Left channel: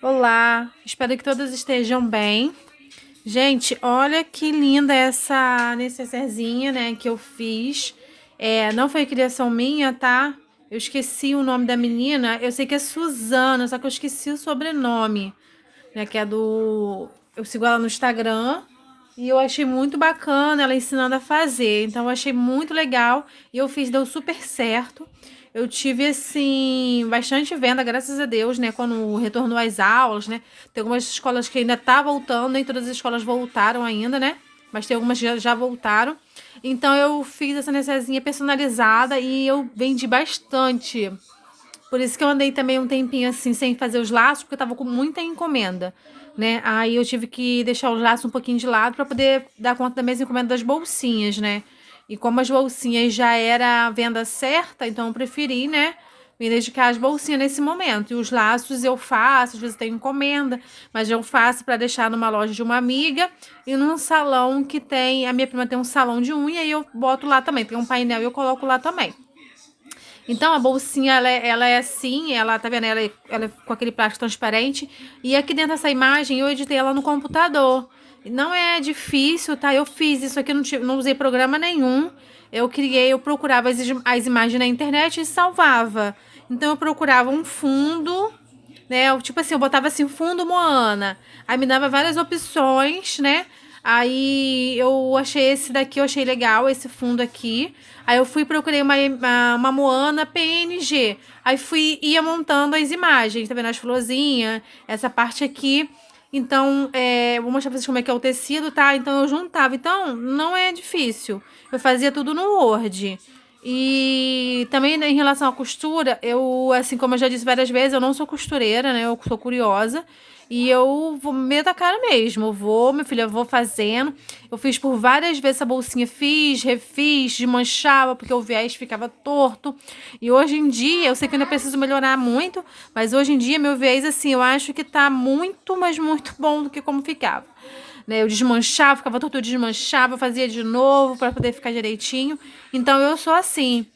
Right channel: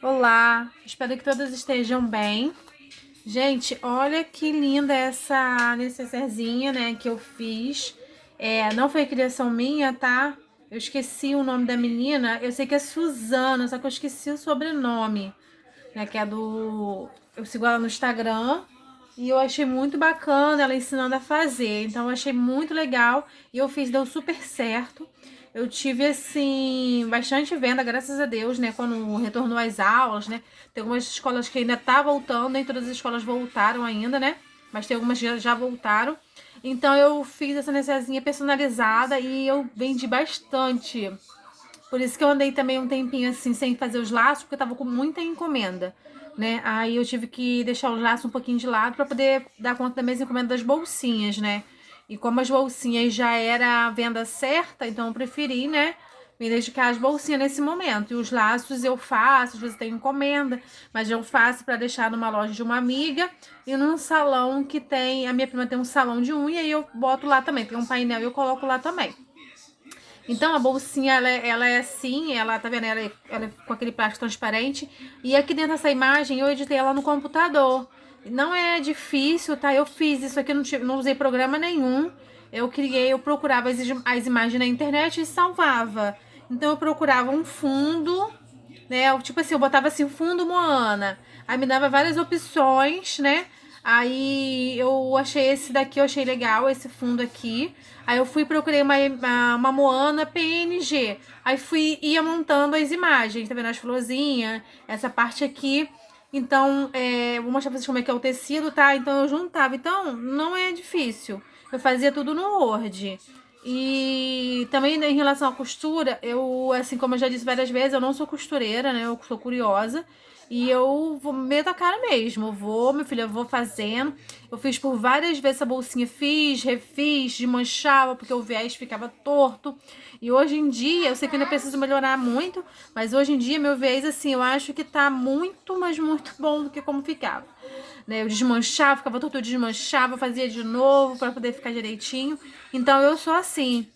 Olá, espero que todos estejam bem. Gente, olha que linda essa necessairezinha, né, que eu fiz. Não foi criação minha, tá? Eu esqueci o nome da menina. Eu sei que é Suzana, só que eu esqueci o sobrenome, né, que é do... Eu sigo ela no Instagram e eu achei muito bacana ela ensinando a fazer. Então eu achei muito legal e eu fiz, deu super certo. Eu tive, assim, bastante venda, graças a Deus, né? Quando retornou às aulas, né? Tem algumas escolas que ainda tá voltando, nem todas as escolas voltaram ainda, né? Mas tem algumas que já voltaram. Então eu fiz essa necessazinha personalizada e eu vendi bastante. Por isso que eu andei também um tempinho assim, sem fazer os laços, porque eu tava com muita encomenda, né? Aí eu tive que deixar os laços um pouquinho de lado para poder dar conta das minhas encomendas das bolsinhas, né? E como as bolsinhas já era a venda certa, então eu preferi, né? Me dedicar às bolsinhas nesse momento. E os laços eu faço, às vezes tenho encomenda, mas eu faço para deixar numa loja de uma amiga e num salão que tem. A minha prima tem um salão de unha e eu boto lá também. Tem um painel e eu coloco lá também. Então a bolsinha ela é assim, ela tá vendo? Ela é com aquele plástico transparente. E aqui dentro dessa imagem eu editei ela no computador. Não é difícil, tá? Eu fiz isso aqui, não usei programa nenhum. Eu procurava as imagens na internet e salvava. Então eu procurava um fundo, né? Tipo assim, eu botava assim, fundo Moana. Aí me dava várias opções, né? Aí eu achei esse daqui, eu achei legal, esse fundo aqui. Aí eu fui procurei uma Moana PNG. Aí ia montando as imagens, tá vendo? As florzinhas, essa parte aqui. Então, vou mostrar pra vocês como é que é o tecido, tá? Então eu juntava. Então, não é difícil. Eu fazia tudo no Word. E também, né, em relação à costura, eu, assim como eu já disse várias vezes, eu não sou costureira, né? Eu sou curiosa. E eu vou meto a cara mesmo. Eu vou, minha filha, eu vou fazendo. Eu fiz por várias vezes essa bolsinha, fiz, refiz, desmanchava, porque o viés ficava torto. E hoje em dia, eu sei que eu ainda preciso melhorar muito, mas hoje em dia, meu viés, assim, eu acho que tá muito, mas muito bom do que como ficava. Né? Eu desmanchava, ficava torto, eu desmanchava, fazia de novo para poder ficar direitinho. Então eu sou assim.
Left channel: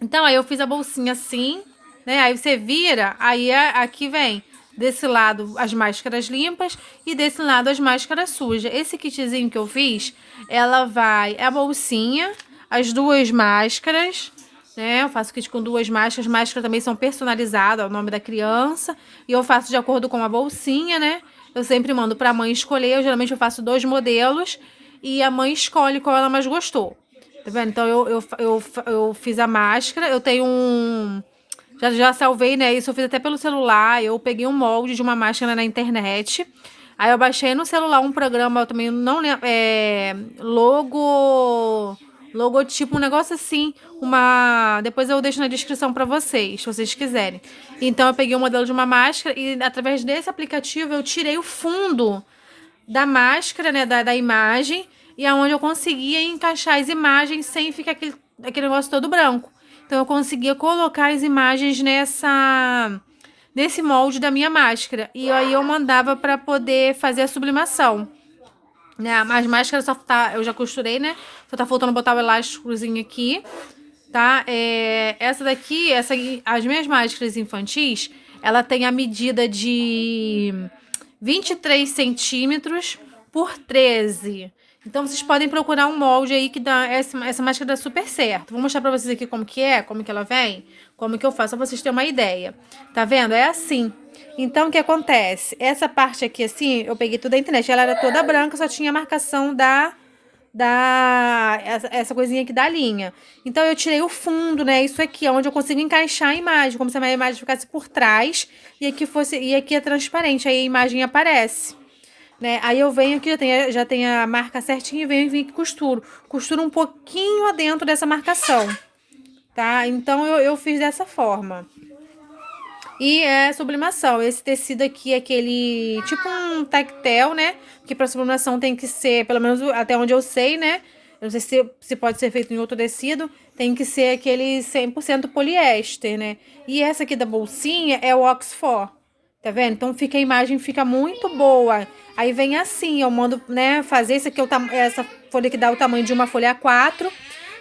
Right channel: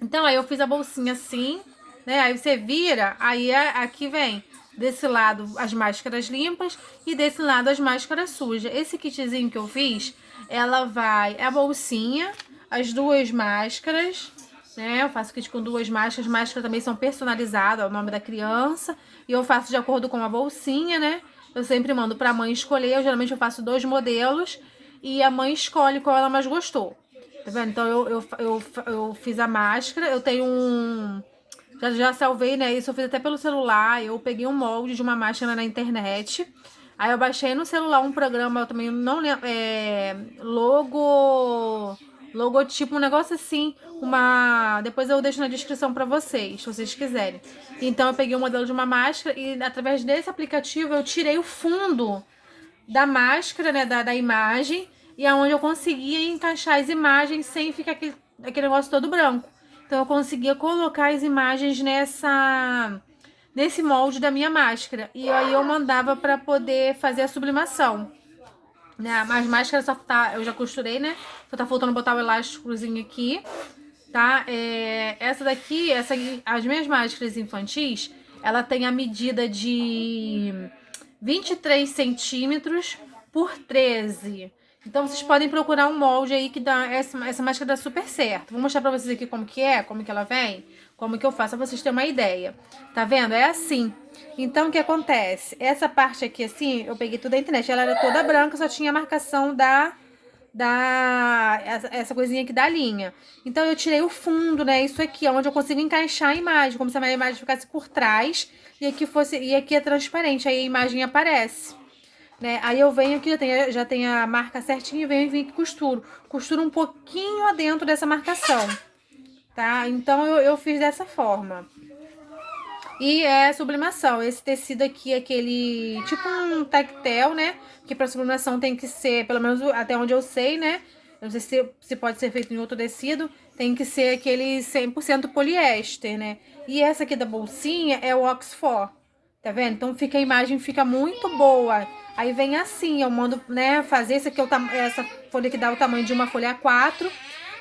Então aí eu fiz a bolsinha assim, né? Aí você vira, aí aqui vem desse lado as máscaras limpas e desse lado as máscaras sujas. Esse kitzinho que eu fiz, ela vai a bolsinha, as duas máscaras, né? Eu faço kit com duas máscaras, as máscaras também são personalizadas, é o nome da criança, e eu faço de acordo com a bolsinha, né? Eu sempre mando para a mãe escolher, geralmente eu faço dois modelos e a mãe escolhe qual ela mais gostou. Tá vendo? Então eu fiz a máscara, eu tenho um. Já salvei, né? Isso eu fiz até pelo celular. Eu peguei um molde de uma máscara na internet. Aí eu baixei no celular um programa, eu também não lembro. Logotipo, um negócio assim. Depois eu deixo na descrição pra vocês, se vocês quiserem. Então eu peguei o modelo de uma máscara e através desse aplicativo eu tirei o fundo da máscara, né, da imagem, e aonde eu conseguia encaixar as imagens sem ficar aquele negócio todo branco. Então eu conseguia colocar as imagens nesse molde da minha máscara. E aí eu mandava para poder fazer a sublimação. Né? As máscaras só tá, eu já costurei, né? Só tá faltando botar o elásticozinho aqui, tá? As minhas máscaras infantis, ela tem a medida de 23 centímetros por 13. Então vocês podem procurar um molde aí que dá essa máscara dá super certo. Vou mostrar pra vocês aqui como que é, como que ela vem, como que eu faço, pra vocês terem uma ideia. Tá vendo? É assim. Então o que acontece? Essa parte aqui assim, eu peguei toda a internet, ela era toda branca, só tinha a marcação essa coisinha aqui da linha. Então eu tirei o fundo, né? Isso aqui, onde eu consigo encaixar a imagem, como se a imagem ficasse por trás e aqui é transparente, aí a imagem aparece, né? Aí eu venho aqui, já tem a marca certinha e venho aqui e costuro um pouquinho adentro dessa marcação, tá? Então eu fiz dessa forma. E é sublimação. Esse tecido aqui é aquele tipo um tactel, né? Que para sublimação tem que ser, pelo menos até onde eu sei, né? Eu não sei se pode ser feito em outro tecido. Tem que ser aquele 100% poliéster, né? E essa aqui da bolsinha é o Oxford. Tá vendo? Então fica a imagem fica muito boa. Aí vem assim, eu mando, né, fazer esse aqui essa folha que dá o tamanho de uma folha A4.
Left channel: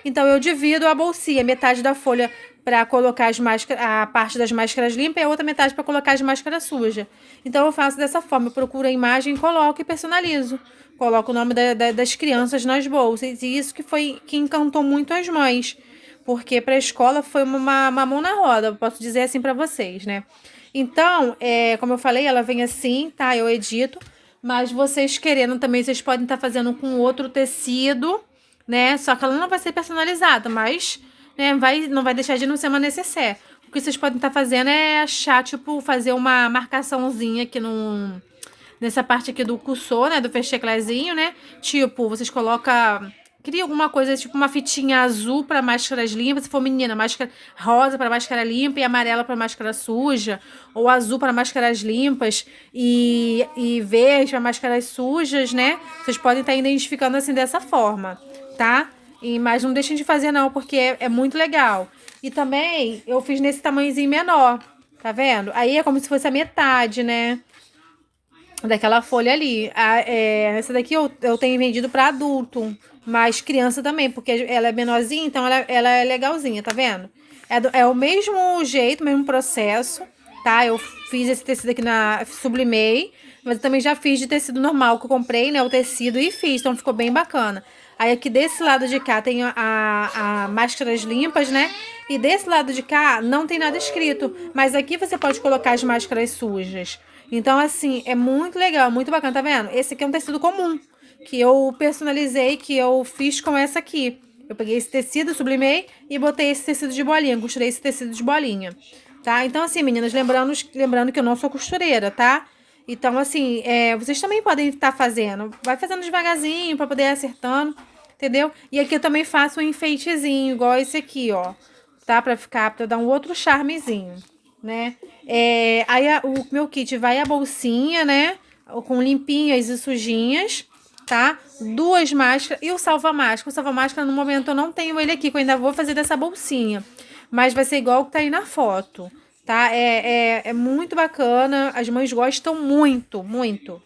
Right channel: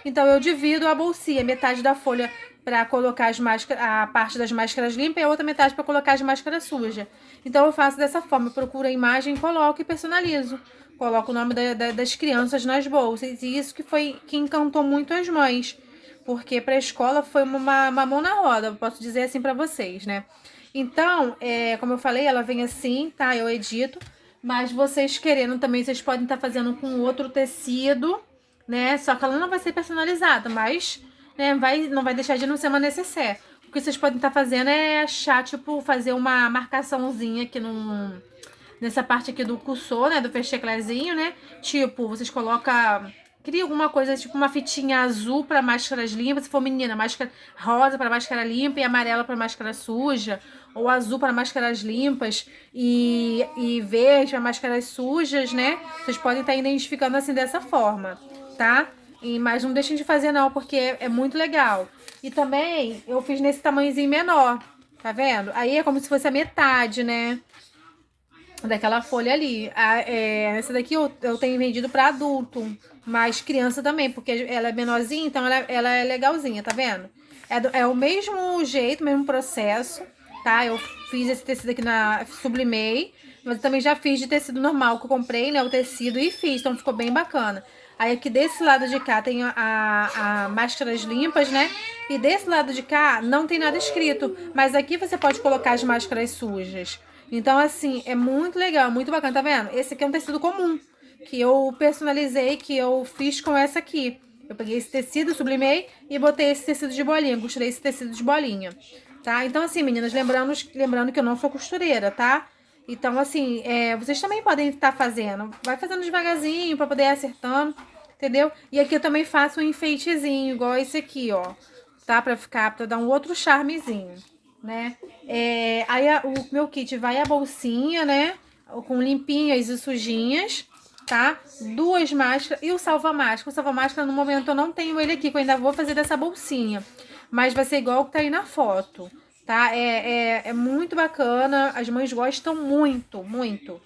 Então eu divido a bolsinha, metade da folha para colocar a parte das máscaras limpas e a outra metade para colocar as máscaras sujas. Então eu faço dessa forma, eu procuro a imagem, coloco e personalizo. Coloco o nome das crianças nas bolsas. E isso que encantou muito as mães. Porque para a escola foi uma mão na roda, posso dizer assim para vocês, né? Então, como eu falei, ela vem assim, tá? Eu edito. Mas vocês querendo também, vocês podem estar fazendo com outro tecido, né? Só que ela não vai ser personalizada, mas né, não vai deixar de não ser uma necessaire. O que vocês podem estar fazendo é achar, tipo, fazer uma marcaçãozinha aqui nessa parte aqui do cursor, né? Do fecheclézinho, né? Tipo, vocês colocam... Cria alguma coisa, tipo uma fitinha azul para máscaras limpas. Se for menina, máscara rosa para máscara limpa e amarela para máscara suja. Ou azul para máscaras limpas e verde para máscaras sujas, né? Vocês podem estar identificando assim dessa forma, tá? Mas não deixem de fazer não, porque é muito legal. E também eu fiz nesse tamanhozinho menor, tá vendo? Aí é como se fosse a metade, né? Daquela folha ali. Essa daqui eu tenho vendido para adulto, mas criança também, porque ela é menorzinha, então ela é legalzinha, tá vendo? É o mesmo jeito, mesmo processo, tá? Eu fiz esse tecido aqui sublimei, mas eu também já fiz de tecido normal, que eu comprei, né, o tecido e fiz, então ficou bem bacana. Aí aqui desse lado de cá tem a máscaras limpas, né? E desse lado de cá não tem nada escrito, mas aqui você pode colocar as máscaras sujas. Então, assim, é muito legal, muito bacana, tá vendo? Esse aqui é um tecido comum, que eu personalizei, que eu fiz com essa aqui. Eu peguei esse tecido, sublimei e botei esse tecido de bolinha, costurei esse tecido de bolinha, tá? Então, assim, meninas, lembrando que eu não sou costureira, tá? Então, assim, vocês também podem estar fazendo. Vai fazendo devagarzinho pra poder ir acertando, entendeu? E aqui eu também faço um enfeitezinho, igual esse aqui, ó. Tá? Pra dar um outro charmezinho, né? Aí o meu kit vai a bolsinha, né? Com limpinhas e sujinhas, tá? 2 máscaras e o salva-máscara. O salva-máscara, no momento, eu não tenho ele aqui, que eu ainda vou fazer dessa bolsinha. Mas vai ser igual o que tá aí na foto, tá? É muito bacana, as mães gostam muito, muito.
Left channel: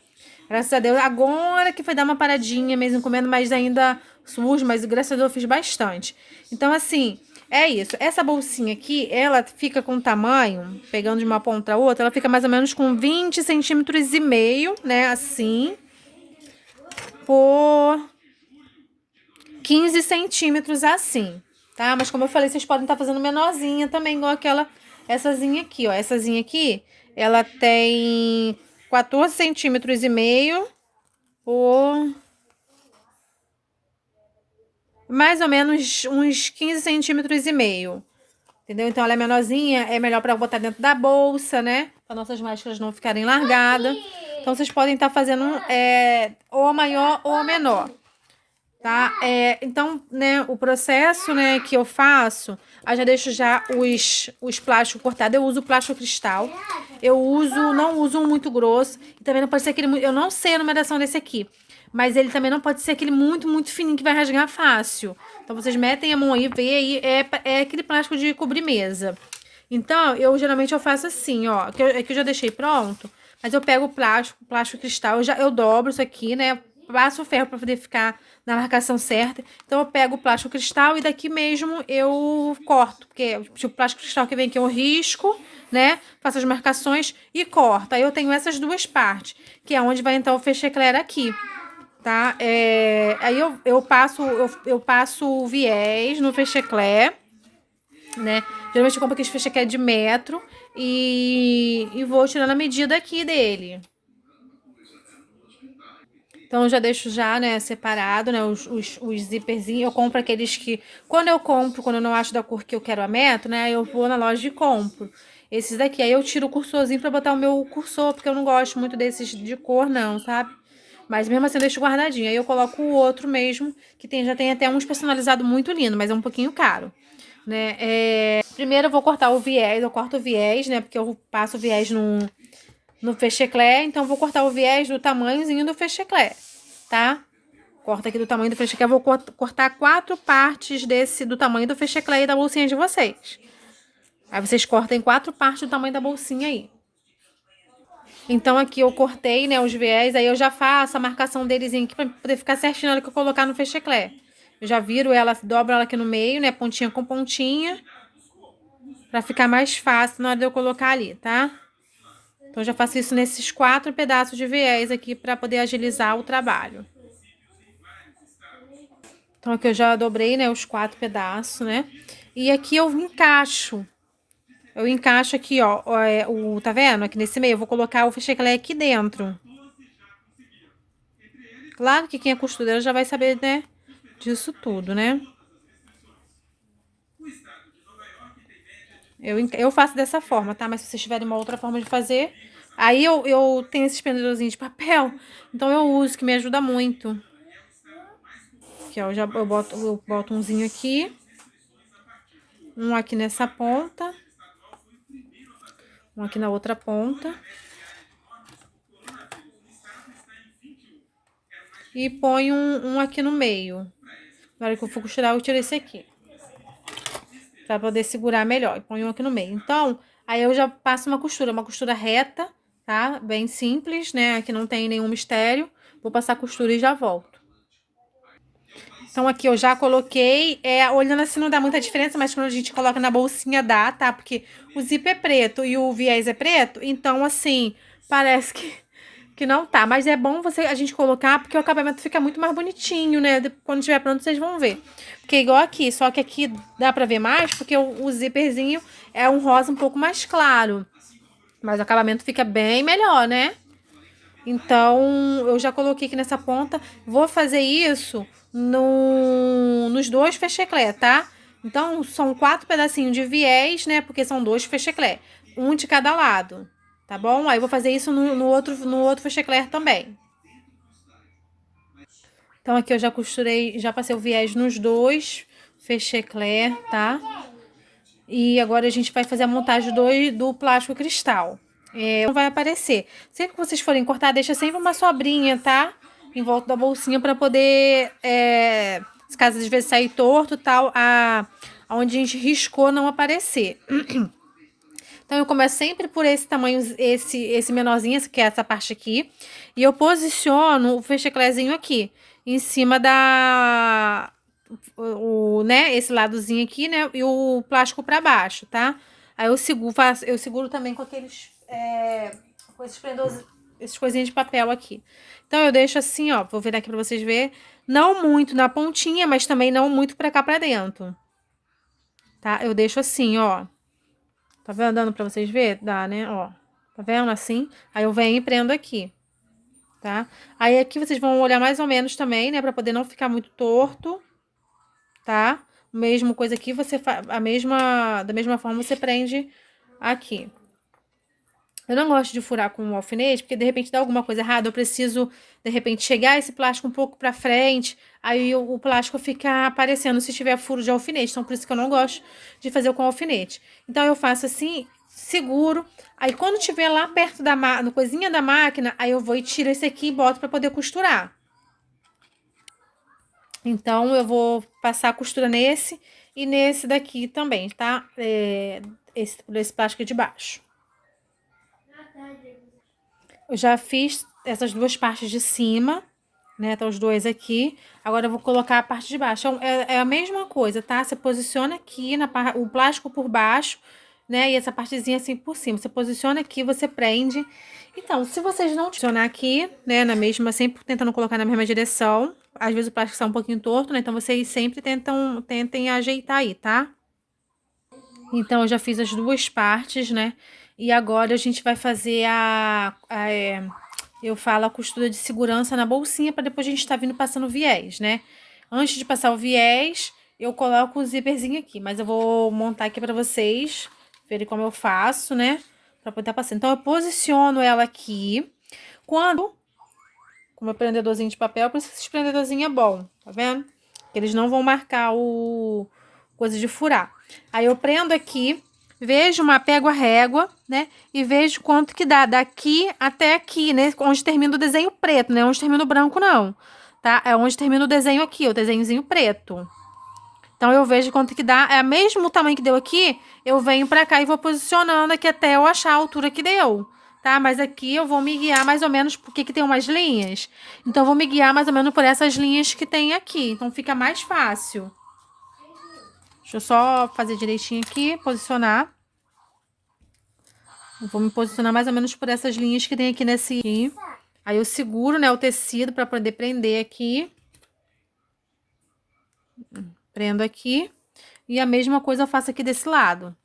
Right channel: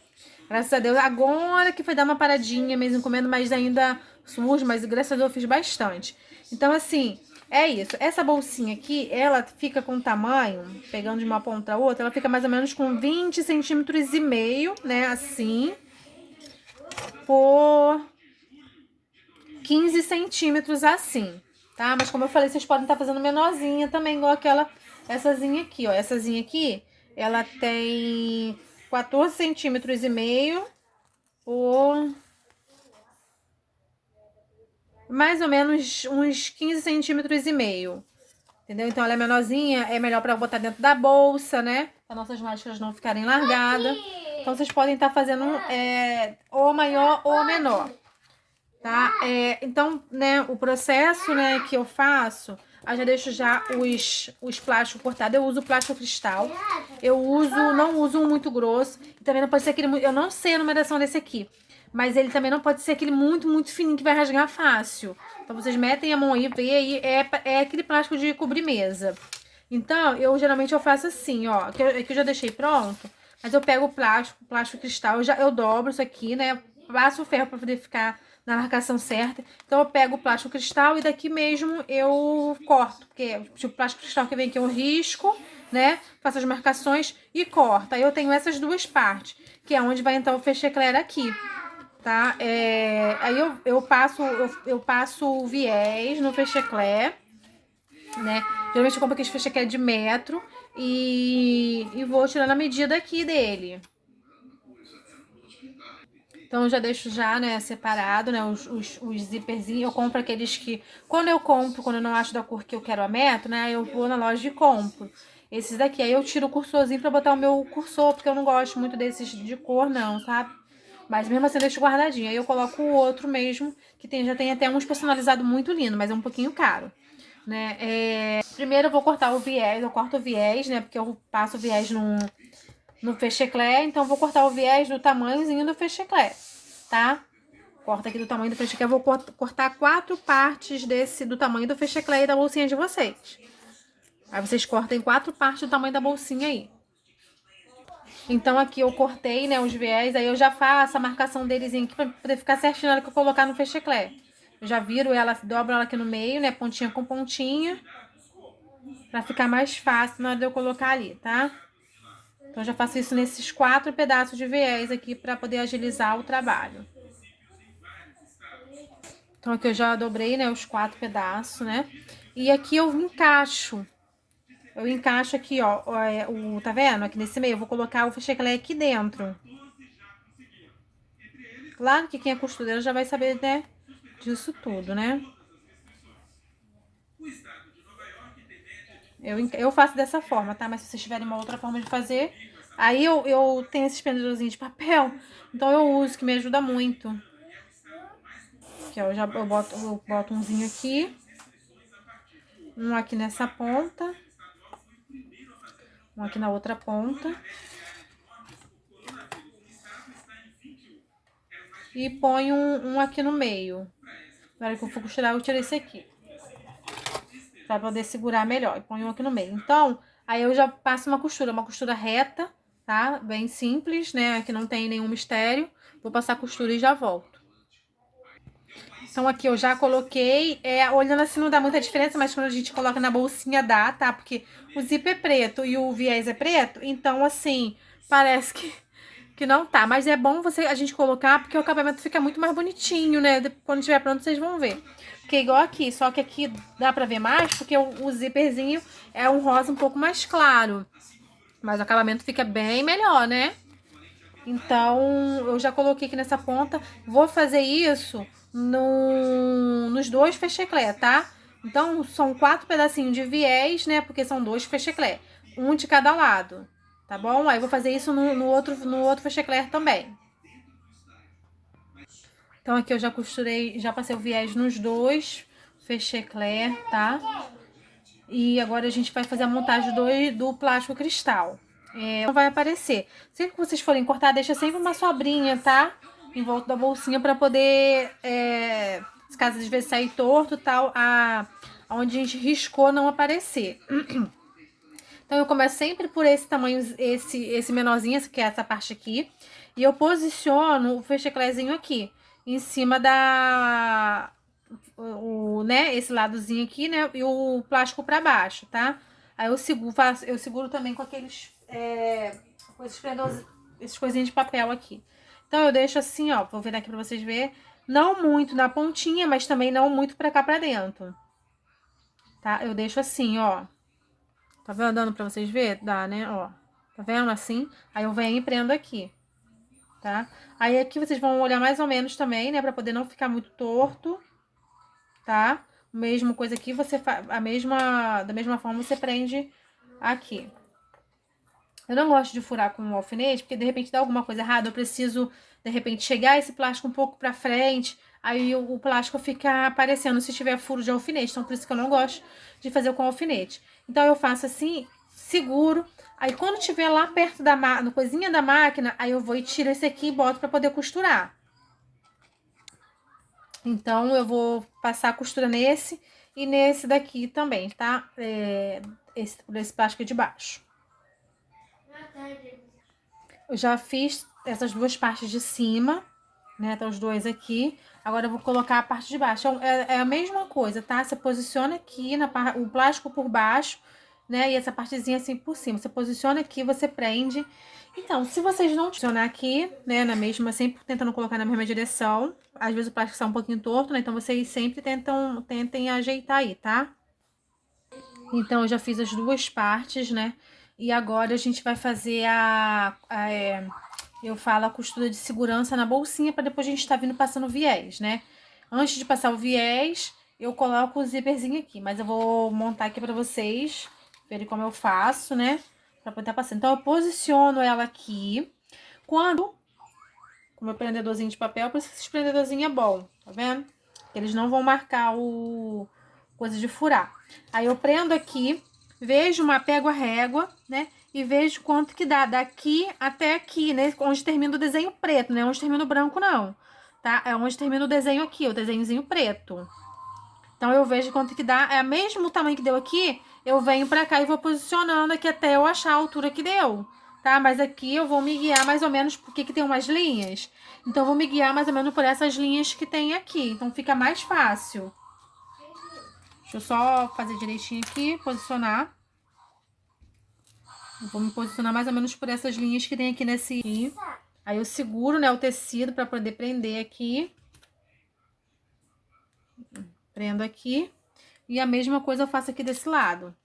Graças a Deus, agora que foi dar uma paradinha mesmo comendo, mas ainda sujo, mas graças a Deus eu fiz bastante. Então, assim, é isso. Essa bolsinha aqui, ela fica com tamanho, pegando de uma ponta a outra, ela fica mais ou menos com 20 centímetros e meio, né? Assim, por 15 centímetros assim, tá? Mas como eu falei, vocês podem estar fazendo menorzinha também, igualessazinha aqui, ó.Essazinha aqui, ela tem 14 centímetros e meio por mais ou menos uns 15 centímetros e meio. Entendeu? Então ela é menorzinha, é melhor para botar dentro da bolsa, né? Para nossas máscaras não ficarem largadas. Então vocês podem estar fazendo ou a maior ou a menor, tá? Então, né, o processo, né, que eu faço, eu já deixo já os plásticos cortados. Eu uso plástico cristal. Não uso um muito grosso. E também não pode ser aquele, eu não sei a numeração desse aqui, mas ele também não pode ser aquele muito, muito fininho que vai rasgar fácil. Então vocês metem a mão aí, vê aí, é aquele plástico de cobrir mesa. Então, geralmente eu faço assim, ó, que eu já deixei pronto, mas eu pego o plástico cristal, eu dobro isso aqui, né? Passo o ferro para poder ficar na marcação certa. Então eu pego o plástico cristal e daqui mesmo eu corto, porque tipo, o plástico cristal que vem aqui eu risco, né? Faço as marcações e corto. Aí eu tenho essas duas partes, que é onde vai entrar o fechecler aqui, tá? Aí eu passo o viés no fechecler, né? Geralmente eu compro aquele fechecler de metro e vou tirando a medida aqui dele. Então, eu já deixo já, né, separado, né, os zíperzinhos. Eu compro aqueles que... Quando eu não acho da cor que eu quero a metro, né, eu vou na loja e compro. Esses daqui. Aí eu tiro o cursorzinho pra botar o meu cursor, porque eu não gosto muito desses de cor, não, sabe? Mas mesmo assim eu deixo guardadinho. Aí eu coloco o outro mesmo, que já tem até uns personalizados muito lindo, mas é um pouquinho caro, né? Primeiro eu vou cortar o viés, eu corto o viés, né, porque eu passo o viés no fechecler, então vou cortar o viés do tamanhozinho do fechecler, tá? Corta aqui do tamanho do fechecler, vou cortar 4 partes do tamanho do fechecler e da bolsinha de vocês. Aí vocês cortem 4 partes do tamanho da bolsinha aí. Então aqui eu cortei, né, os viés, aí eu já faço a marcação deles aqui pra poder ficar certinho na hora que eu colocar no fechecler. Eu já viro ela, dobro ela aqui no meio, né, pontinha com pontinha. pra ficar mais fácil na hora de eu colocar ali, tá? Então, eu já faço isso nesses 4 pedaços de viés aqui pra poder agilizar o trabalho. Então, aqui eu já dobrei, né, os 4 pedaços, né? E aqui eu encaixo. Eu encaixo aqui, ó, tá vendo? Aqui nesse meio, eu vou colocar o fecheclé aqui dentro. Claro que quem é costureira já vai saber, né, disso tudo, né? Eu faço dessa forma, tá? Mas se vocês tiverem uma outra forma de fazer... Aí eu tenho esses prendedorzinhos de papel, então eu uso, que me ajuda muito. Aqui, ó, eu boto umzinho aqui. Um aqui nessa ponta. Um aqui na outra ponta. E ponho um aqui no meio. Na hora que eu for costurar, eu tiro esse aqui. Pra poder segurar melhor. E ponho um aqui no meio. Então, aí eu já passo uma costura reta, tá? Bem simples, né? Aqui não tem nenhum mistério. Vou passar a costura e já volto. Então, aqui eu já coloquei, olhando assim não dá muita diferença, mas quando a gente coloca na bolsinha dá, tá? Porque o zíper é preto e o viés é preto, então assim, parece que não tá. Mas é bom a gente colocar, porque o acabamento fica muito mais bonitinho, né? Quando estiver pronto, vocês vão ver. Porque é igual aqui, só que aqui dá pra ver mais, porque o zíperzinho é um rosa um pouco mais claro. Mas o acabamento fica bem melhor, né? Então, eu já coloquei aqui nessa ponta. Vou fazer isso nos 2 fecheclé, tá? Então, são 4 pedacinhos de viés, né? Porque são 2 fecheclé. Um de cada lado, tá bom? Aí, eu vou fazer isso no outro fecheclé também. Então, aqui eu já costurei, já passei o viés nos 2 fecheclé, tá? E agora a gente vai fazer a montagem do plástico cristal. Não vai aparecer. Sempre que vocês forem cortar, deixa sempre uma sobrinha, tá? Em volta da bolsinha para poder, se caso às vezes sair torto, tal, onde a gente riscou não aparecer. Então eu começo sempre por esse tamanho, esse menorzinho, que é essa parte aqui, e eu posiciono o fecheclézinho aqui, em cima né, esse ladozinho aqui, né, e o plástico para baixo, tá? Aí eu seguro também com com esses prendores, essas coisinhas de papel aqui. Então eu deixo assim, ó, vou virar aqui para vocês verem, não muito na pontinha, mas também não muito para cá para dentro, tá? Eu deixo assim, ó. Tá vendo? Dando pra vocês verem? Dá, né? Ó. Tá vendo? Assim. Aí eu venho e prendo aqui. Tá? Aí aqui vocês vão olhar mais ou menos também, né? Pra poder não ficar muito torto. Tá? Mesma coisa aqui, da mesma forma você prende aqui. Eu não gosto de furar com um alfinete, porque de repente dá alguma coisa errada. Eu preciso, de repente, chegar esse plástico um pouco pra frente. Aí o plástico fica aparecendo se tiver furo de alfinete. Então, por isso que eu não gosto de fazer com alfinete. Então, eu faço assim, seguro. Aí, quando tiver lá perto no coisinha da máquina, aí eu vou e tiro esse aqui e boto pra poder costurar. Então, eu vou passar a costura nesse e nesse daqui também, tá? Esse plástico de baixo. Eu já fiz essas 2 partes de cima, né? Tá os 2 aqui. Agora eu vou colocar a parte de baixo. É a mesma coisa, tá? Você posiciona aqui o plástico por baixo, né? E essa partezinha assim por cima. Você posiciona aqui, você prende. Então, se vocês não posicionar aqui, né? Na mesma, sempre tentando colocar na mesma direção. Às vezes o plástico está um pouquinho torto, né? Então vocês sempre tentem ajeitar aí, tá? Então, eu já fiz as 2 partes, né? E agora a gente vai fazer eu falo a costura de segurança na bolsinha para depois a gente tá vindo passando o viés, né? Antes de passar o viés, eu coloco o zíperzinho aqui, mas eu vou montar aqui para vocês verem como eu faço, né? Para poder passar. Então, eu posiciono ela aqui. Com o meu prendedorzinho de papel, por isso que esse prendedorzinho é bom, tá vendo? Eles não vão marcar o coisa de furar. Aí eu prendo aqui, pego a régua, né? E vejo quanto que dá daqui até aqui, né? Onde termina o desenho preto, né? Onde termina o branco, não. Tá? É onde termina o desenho aqui, o desenhozinho preto. Então, eu vejo quanto que dá. É o mesmo tamanho que deu aqui, eu venho pra cá e vou posicionando aqui até eu achar a altura que deu. Tá? Mas aqui eu vou me guiar mais ou menos porque que tem umas linhas. Então, eu vou me guiar mais ou menos por essas linhas que tem aqui. Então, fica mais fácil. Deixa eu só fazer direitinho aqui, posicionar. Eu vou me posicionar mais ou menos por essas linhas que tem aqui nesse aqui. Aí eu seguro, né, o tecido para poder prender aqui. Prendo aqui. E a mesma coisa eu faço aqui desse lado.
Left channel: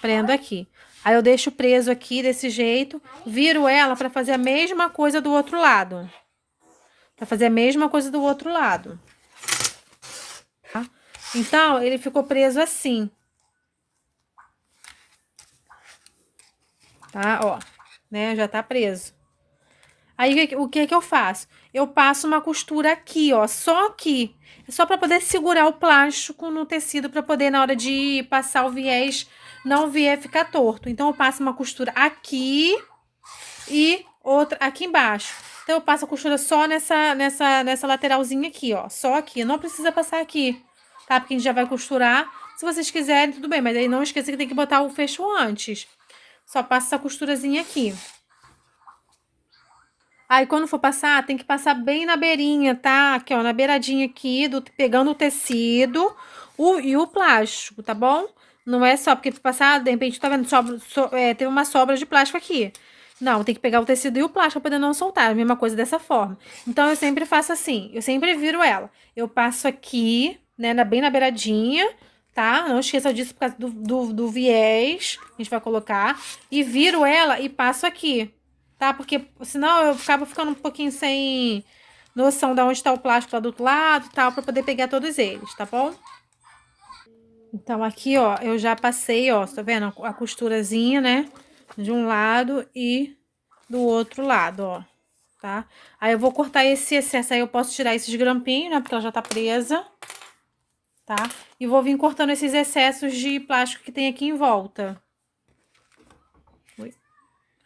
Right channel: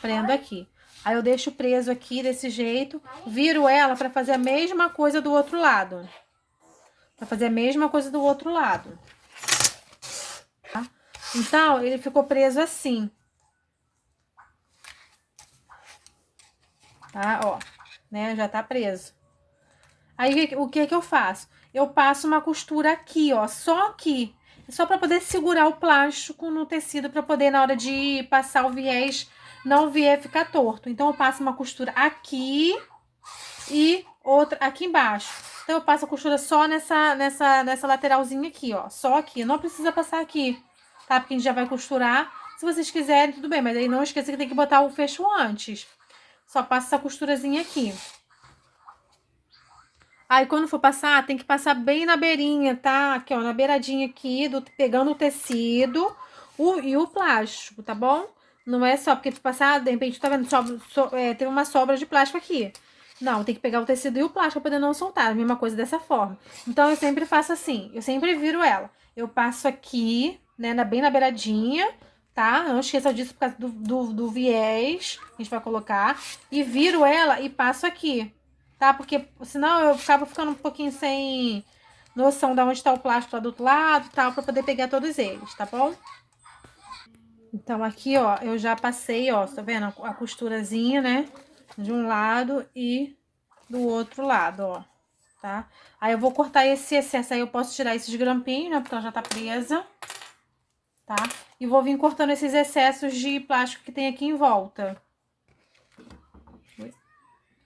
Prendo aqui. Aí eu deixo preso aqui desse jeito, viro ela para fazer a mesma coisa do outro lado. Para fazer a mesma coisa do outro lado. Tá? Então, ele ficou preso assim. Tá? Ó, né? Já tá preso. Aí, o que que eu faço? Eu passo uma costura aqui, ó, só aqui. É só para poder segurar o plástico no tecido, para poder, na hora de passar o viés, não o viés ficar torto. Então, eu passo uma costura aqui e outra aqui embaixo. Então, eu passo a costura só nessa lateralzinha aqui, ó. Só aqui. Não precisa passar aqui, tá? Porque a gente já vai costurar. Se vocês quiserem, tudo bem. Mas aí não esqueça que tem que botar o fecho antes. Só passa essa costurazinha aqui. Aí, quando for passar, tem que passar bem na beirinha, tá? Aqui, ó, na beiradinha aqui, pegando o tecido e o plástico, tá bom? Não é só porque passar, de repente, tá vendo? Teve uma sobra de plástico aqui. Não, tem que pegar o tecido e o plástico pra poder não soltar. A mesma coisa dessa forma. Então, eu sempre faço assim. Eu sempre viro ela. Eu passo aqui, né, bem na beiradinha, tá? Não esqueça disso por causa do viés que a gente vai colocar. E viro ela e passo aqui. Tá? Porque senão eu acabo ficando um pouquinho sem noção de onde tá o plástico lá do outro lado e tal, pra poder pegar todos eles, tá bom? Então, aqui, ó, eu já passei, ó, tá vendo? A costurazinha, né? De um lado e do outro lado, ó, tá? Aí eu vou cortar esse excesso, aí eu posso tirar esses grampinhos, né? Porque ela já tá presa, tá? E vou vir cortando esses excessos de plástico que tem aqui em volta.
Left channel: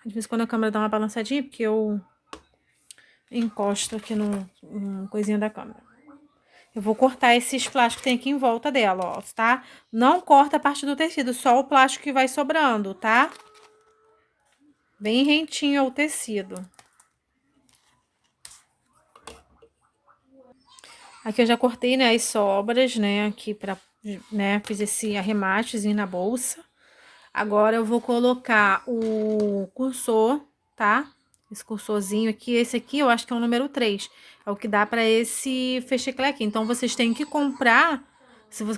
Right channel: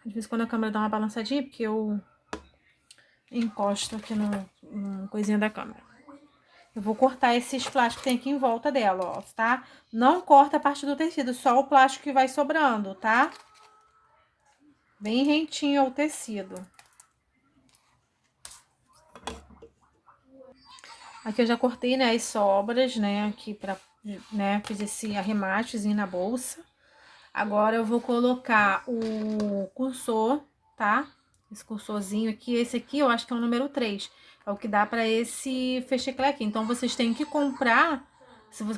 Às vezes quando a câmera dá uma balançadinha, porque eu encosto aqui no coisinha da câmera. Eu vou cortar esses plásticos que tem aqui em volta dela, ó, tá? Não corta a parte do tecido, só o plástico que vai sobrando, tá? Bem rentinho ao tecido. Aqui eu já cortei, né, as sobras, né, aqui pra, né, fiz esse arrematezinho na bolsa. Agora eu vou colocar o cursor, tá? Esse cursorzinho aqui, esse aqui eu acho que é o número 3. É o que dá pra esse fecheclé. Então, vocês têm que comprar,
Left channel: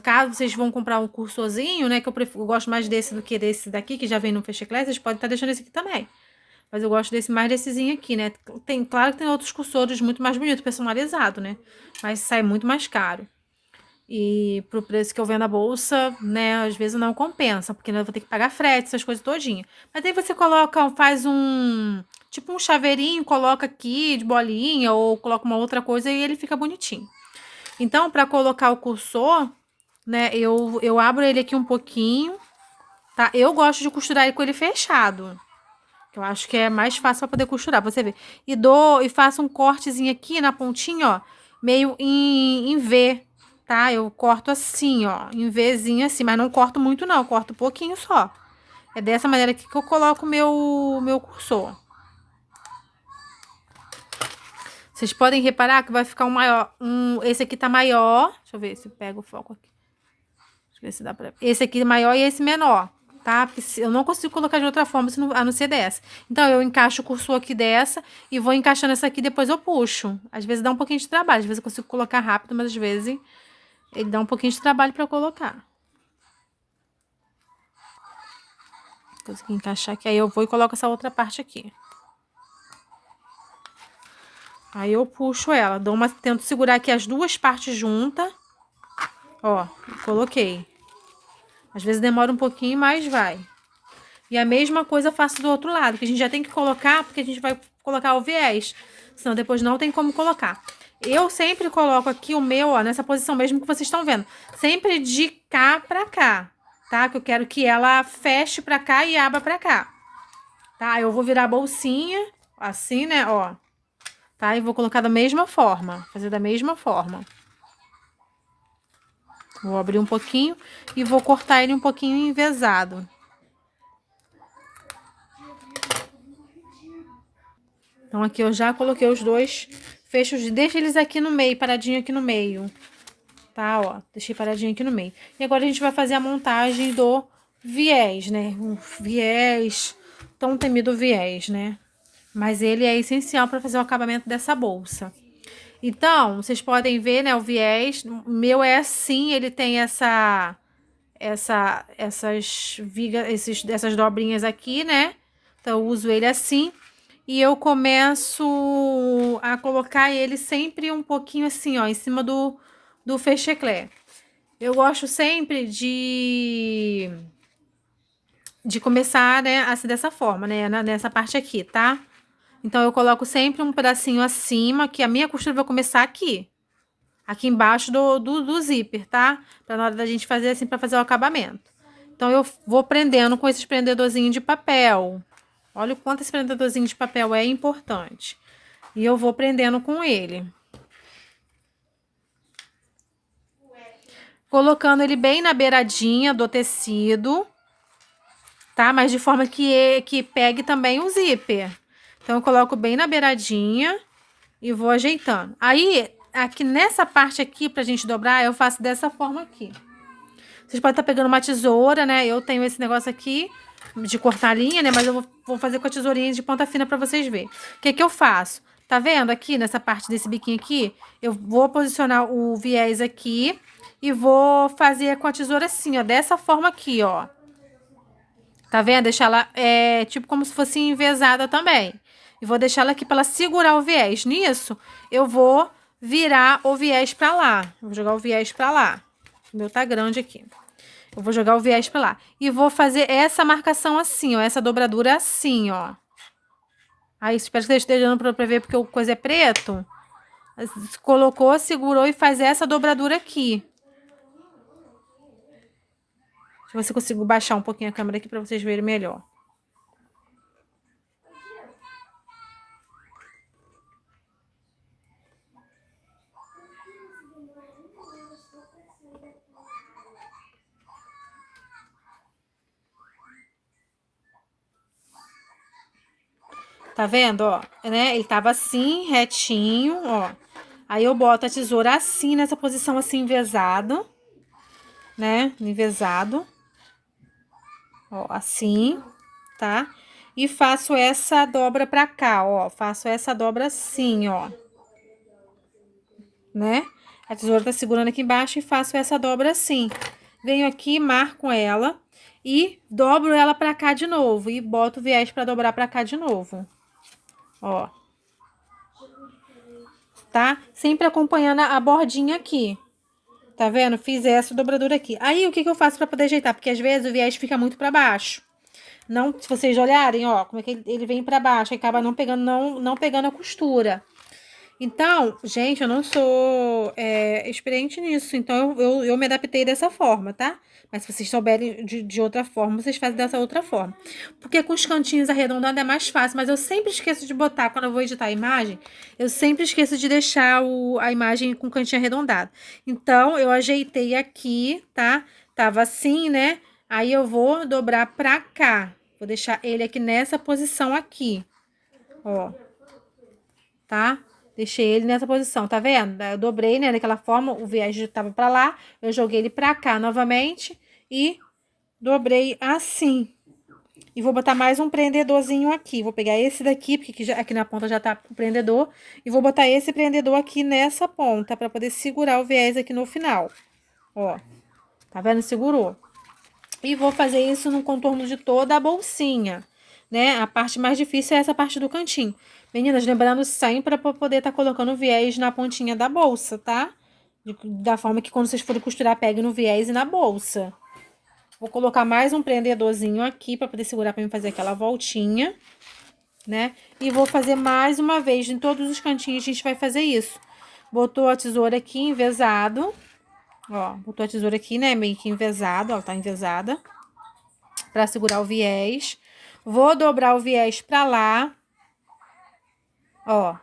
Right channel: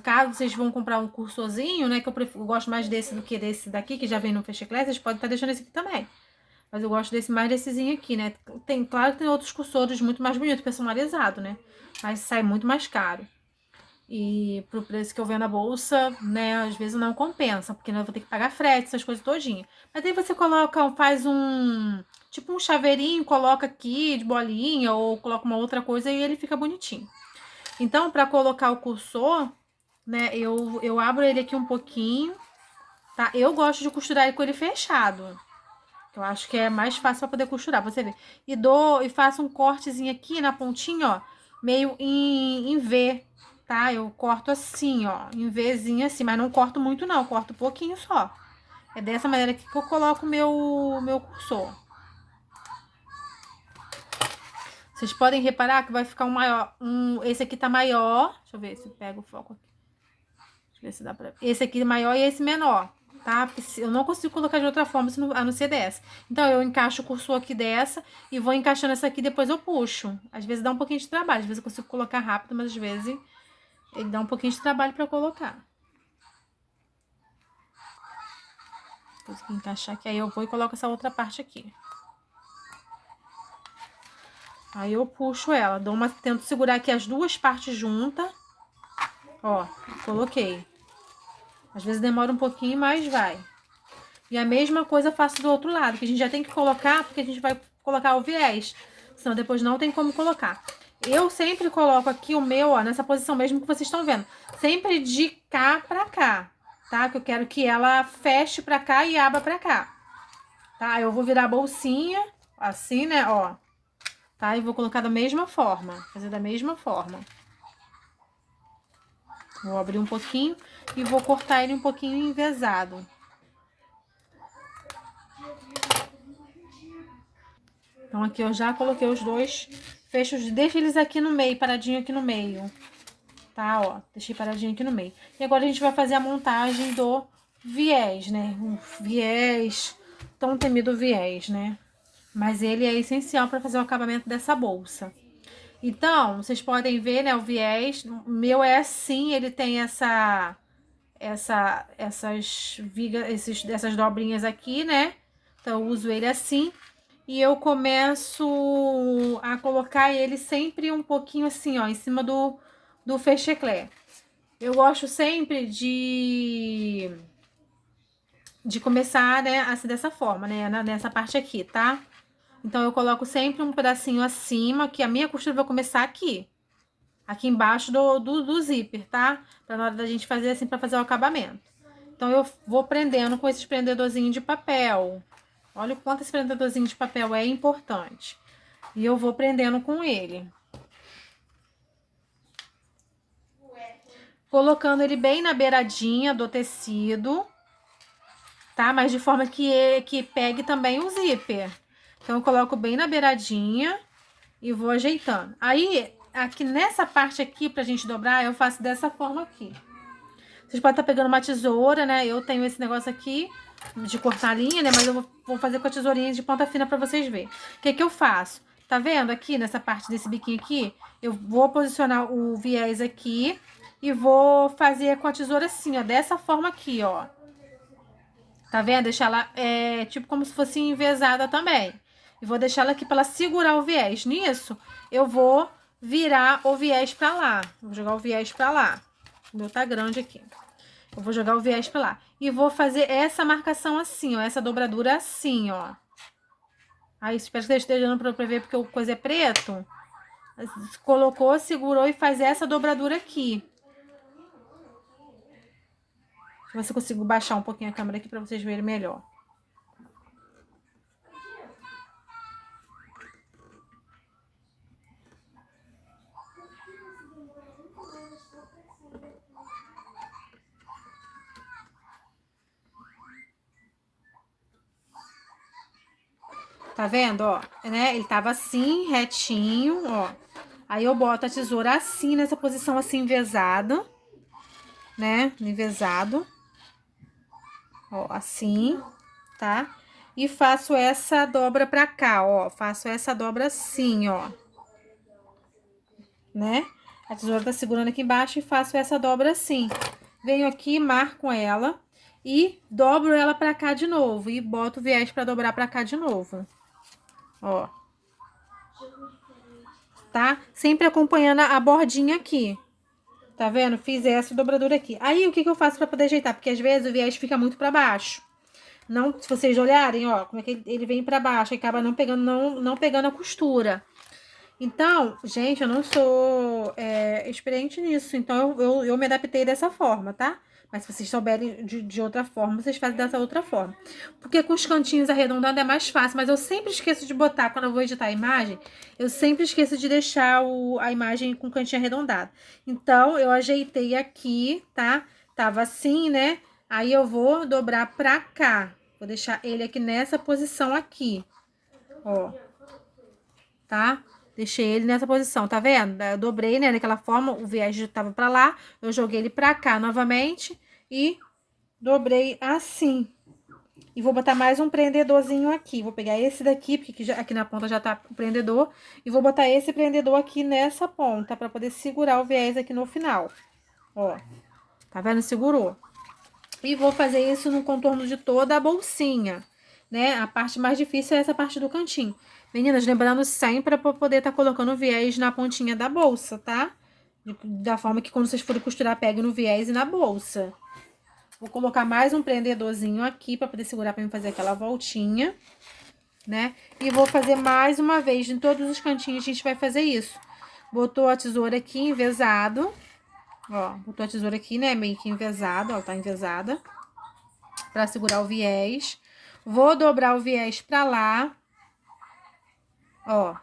caso vocês vão comprar um cursorzinho, né, que eu gosto mais desse do que desse daqui, que já vem no fecheclé, vocês podem estar deixando esse aqui também. Mas eu gosto mais dessezinho aqui, né? Claro que tem outros cursores muito mais bonitos, personalizado, né? Mas sai muito mais caro. E pro preço que eu vendo na bolsa, né, às vezes não compensa, porque eu vou ter que pagar frete, essas coisas todinha. Mas aí você faz tipo um chaveirinho, coloca aqui de bolinha, ou coloca uma outra coisa e ele fica bonitinho. Então, para colocar o cursor, né, eu abro ele aqui um pouquinho, tá? Eu gosto de costurar ele com ele fechado. Eu acho que é mais fácil para poder costurar, você vê. E faço um cortezinho aqui na pontinha, ó, meio em V, tá? Eu corto assim, ó, em Vzinho assim, mas não corto muito não, eu corto um pouquinho só. É dessa maneira aqui que eu coloco meu cursor. Vocês podem reparar que vai ficar esse aqui tá maior. Deixa eu ver se eu pego o foco aqui. Deixa eu ver se dá pra... Esse aqui é maior e esse menor, tá? Porque eu não consigo colocar de outra forma a não ser dessa. Então, eu encaixo o cursor aqui dessa e vou encaixando essa aqui, depois eu puxo. Às vezes dá um pouquinho de trabalho, às vezes eu consigo colocar rápido, mas às vezes ele dá um pouquinho de trabalho pra eu colocar. Consegui encaixar aqui, aí eu vou e coloco essa outra parte aqui. Aí eu puxo ela, tento segurar aqui as duas partes juntas. Ó, coloquei. Às vezes demora um pouquinho, mas vai. E a mesma coisa eu faço do outro lado, que a gente já tem que colocar, porque a gente vai colocar o viés. Senão depois não tem como colocar. Eu sempre coloco aqui o meu, ó, nessa posição mesmo que vocês estão vendo. Sempre de cá pra cá, tá? Que eu quero que ela feche pra cá e abra pra cá. Tá? Eu vou virar a bolsinha, assim, né, ó. Tá? E vou colocar da mesma forma, fazer da mesma forma. Vou abrir um pouquinho e vou cortar ele um pouquinho envezado. Então, aqui eu já coloquei os dois fecho, deixo eles aqui no meio, paradinho aqui no meio. Tá, ó, deixei paradinho aqui no meio. E agora a gente vai fazer a montagem do viés, né? Um viés, tão temido viés, né? Mas ele é essencial para fazer o acabamento dessa bolsa. Então, vocês podem ver, né, o viés. O meu é assim, ele tem essas vigas, essas dobrinhas aqui, né? Então, eu uso ele assim. E eu começo a colocar ele sempre um pouquinho assim, ó, em cima do fecheclé. Eu gosto sempre de começar, né, assim, dessa forma, né, nessa parte aqui, tá? Então, eu coloco sempre um pedacinho acima, que a minha costura vai começar aqui. Aqui embaixo do zíper, tá? Pra na hora da gente fazer assim, pra fazer o acabamento. Então, eu vou prendendo com esses prendedorzinhos de papel. Olha o quanto esse prendedorzinho de papel é importante. E eu vou prendendo com ele. Colocando ele bem na beiradinha do tecido, tá? Mas de forma que pegue também o zíper. Então, eu coloco bem na beiradinha e vou ajeitando. Aí, aqui nessa parte aqui, pra gente dobrar, eu faço dessa forma aqui. Vocês podem estar pegando uma tesoura, né? Eu tenho esse negócio aqui de cortar linha, né? Mas eu vou fazer com a tesourinha de ponta fina pra vocês verem. O que que eu faço? Tá vendo aqui, nessa parte desse biquinho aqui? Eu vou posicionar o viés aqui e vou fazer com a tesoura assim, ó. Dessa forma aqui, ó. Tá vendo? Deixar ela, tipo como se fosse envezada também. E vou deixar ela aqui pra ela segurar o viés. Nisso, eu vou virar o viés pra lá. Vou jogar o viés pra lá. O meu tá grande aqui. Eu vou jogar o viés pra lá. E vou fazer essa marcação assim, ó. Essa dobradura assim, ó. Aí, espero que você esteja dando pra ver, porque o coisa é preto. Colocou, segurou e faz essa dobradura aqui. Deixa eu ver se eu consigo baixar um pouquinho a câmera aqui pra vocês verem melhor. Tá vendo, ó? Né? Ele tava assim, retinho, ó. Aí eu boto a tesoura assim, nessa posição assim, envezado, né? Envezado. Ó, assim, tá? E faço essa dobra pra cá, ó. Faço essa dobra assim, ó. Né? A tesoura tá segurando aqui embaixo e faço essa dobra assim. Venho aqui, marco ela e dobro ela pra cá de novo. E boto o viés pra dobrar pra cá de novo. Ó. Tá? Sempre acompanhando a bordinha aqui. Tá vendo? Fiz essa dobradura aqui. Aí, o que que eu faço pra poder ajeitar? Porque às vezes o viés fica muito pra baixo. Não, se vocês olharem, ó, como é que ele vem pra baixo, acaba não pegando, não pegando a costura. Então, gente, eu não sou experiente nisso, então eu me adaptei dessa forma, tá? Mas se vocês souberem de outra forma, vocês fazem dessa outra forma. Porque com os cantinhos arredondados é mais fácil, mas eu sempre esqueço de botar, quando eu vou editar a imagem, eu sempre esqueço de deixar a imagem com o cantinho arredondado. Então, eu ajeitei aqui, tá? Tava assim, né? Aí eu vou dobrar pra cá. Vou deixar ele aqui nessa posição aqui, ó, tá? Deixei ele nessa posição, tá vendo? Eu dobrei, né, daquela forma, o viés já tava pra lá, eu joguei ele pra cá novamente e dobrei assim. E vou botar mais um prendedorzinho aqui. Vou pegar esse daqui, porque aqui na ponta já tá o prendedor, e vou botar esse prendedor aqui nessa ponta, pra poder segurar o viés aqui no final. Ó, tá vendo? Segurou. E vou fazer isso no contorno de toda a bolsinha, né? A parte mais difícil é essa parte do cantinho. Meninas, lembrando sempre para poder estar colocando o viés na pontinha da bolsa, tá? Da forma que quando vocês forem costurar, pegue no viés e na bolsa. Vou colocar mais um prendedorzinho aqui para poder segurar para mim fazer aquela voltinha, né? E vou fazer mais uma vez, em todos os cantinhos a gente vai fazer isso. Botou a tesoura aqui, envezado. Ó, botou a tesoura aqui, né, meio que envezada, ó, tá envezada. Pra segurar o viés. Vou dobrar o viés pra lá. Ó.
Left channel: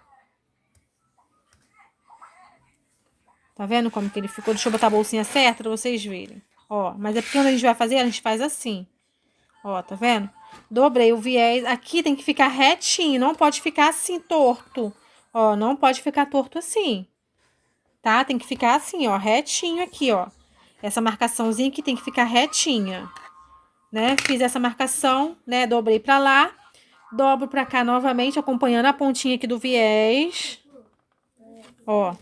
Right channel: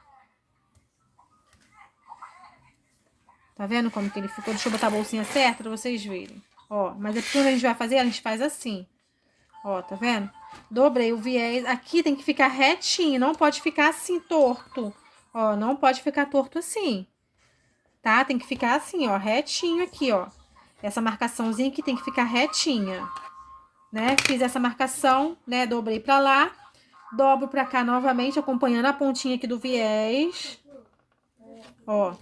Tá vendo como que ele ficou? Deixa eu botar a bolsinha certa pra vocês verem. Ó, mas é porque quando a gente vai fazer, a gente faz assim. Ó, tá vendo? Dobrei o viés. Aqui tem que ficar retinho, não pode ficar assim torto. Ó, não pode ficar torto assim, tá? Tem que ficar assim, ó, retinho aqui, ó. Essa marcaçãozinha aqui tem que ficar retinha, né? Fiz essa marcação, né? Dobrei pra lá, dobro pra cá novamente, acompanhando a pontinha aqui do viés. Ó,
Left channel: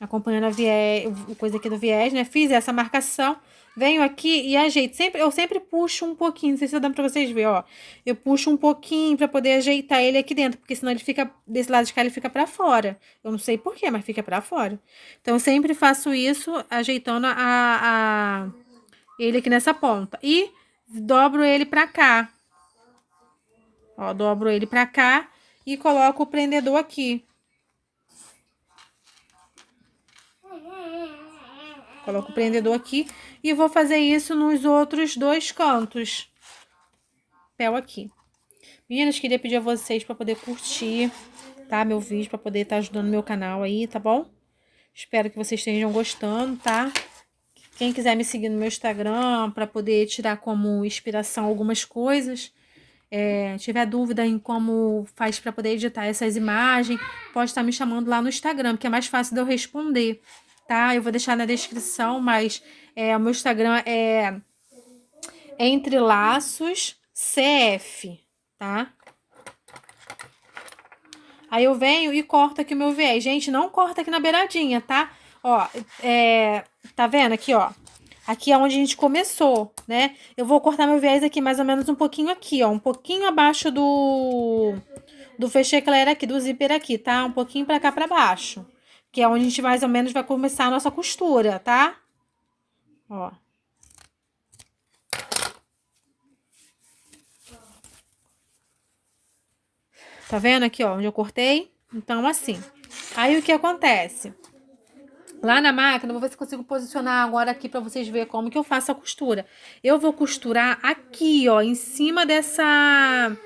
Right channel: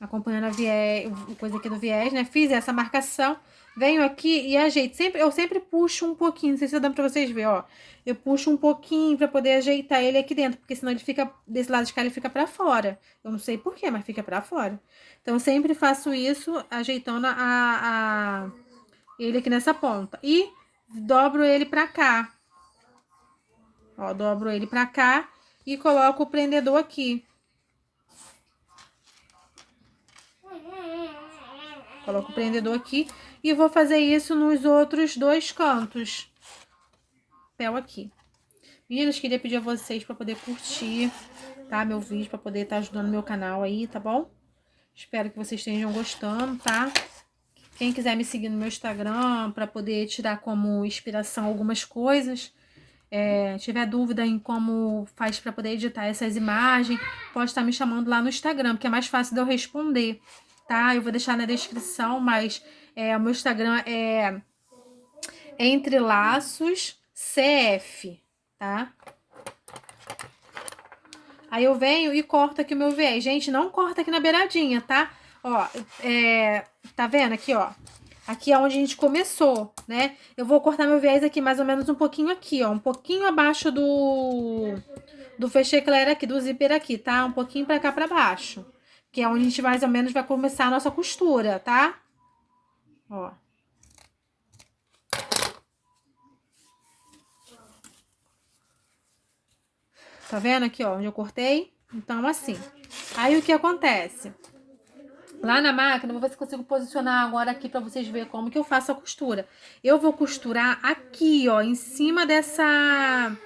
acompanhando a viés, coisa aqui do viés, né? Fiz essa marcação, venho aqui e ajeito. Eu sempre puxo um pouquinho, não sei se tá dando pra vocês verem, ó. Eu puxo um pouquinho pra poder ajeitar ele aqui dentro, porque senão ele fica, desse lado de cá ele fica pra fora. Eu não sei por quê, mas fica pra fora. Então, eu sempre faço isso, ajeitando ele aqui nessa ponta. E dobro ele pra cá. Ó, dobro ele pra cá e coloco o prendedor aqui. Coloco o prendedor aqui e vou fazer isso nos outros dois cantos. Papel aqui. Meninas, queria pedir a vocês para poder curtir, tá? Meu vídeo, para poder estar ajudando meu canal aí, tá bom? Espero que vocês estejam gostando, tá? Quem quiser me seguir no meu Instagram para poder tirar como inspiração algumas coisas, tiver dúvida em como faz para poder editar essas imagens, pode estar me chamando lá no Instagram, que é mais fácil de eu responder, tá? Eu vou deixar na descrição, mas o meu Instagram é Entre Laços CF, tá? Aí eu venho e corto aqui o meu viés. Gente, não corta aqui na beiradinha, tá? Ó, tá vendo aqui, ó? Aqui é onde a gente começou, né? Eu vou cortar meu viés aqui mais ou menos um pouquinho aqui, ó. Um pouquinho abaixo do fechecler aqui, do zíper aqui, tá? Um pouquinho pra cá pra baixo. Que é onde a gente mais ou menos vai começar a nossa costura, tá? Ó. Tá vendo aqui, ó, onde eu cortei? Então, assim. Aí, o que acontece? Lá na máquina, eu vou ver se consigo posicionar agora aqui pra vocês verem como que eu faço a costura. Eu vou costurar aqui, ó, em cima dessa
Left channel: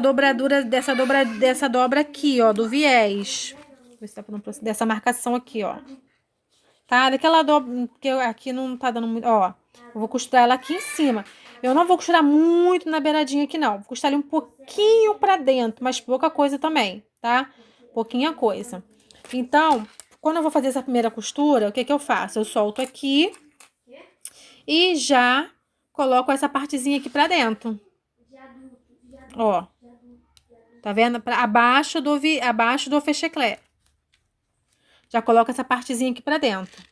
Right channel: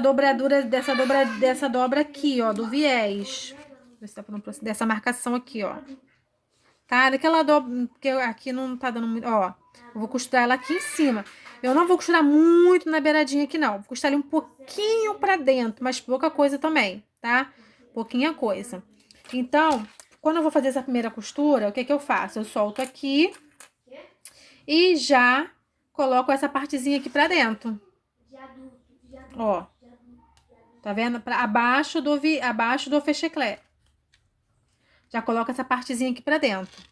dobradura, dessa dobra aqui, ó, do viés. Ver se dá pra dessa marcação aqui, ó. Tá? Daquela dobra, porque aqui não tá dando muito, ó. Eu vou costurar ela aqui em cima. Eu não vou costurar muito na beiradinha aqui, não. Vou costurar ali um pouquinho pra dentro, mas pouca coisa também, tá? Pouquinha coisa. Então, quando eu vou fazer essa primeira costura, o que que eu faço? Eu solto aqui e já coloco essa partezinha aqui pra dentro. Ó. Tá vendo? Abaixo do fecheclé. Já coloco essa partezinha aqui pra dentro.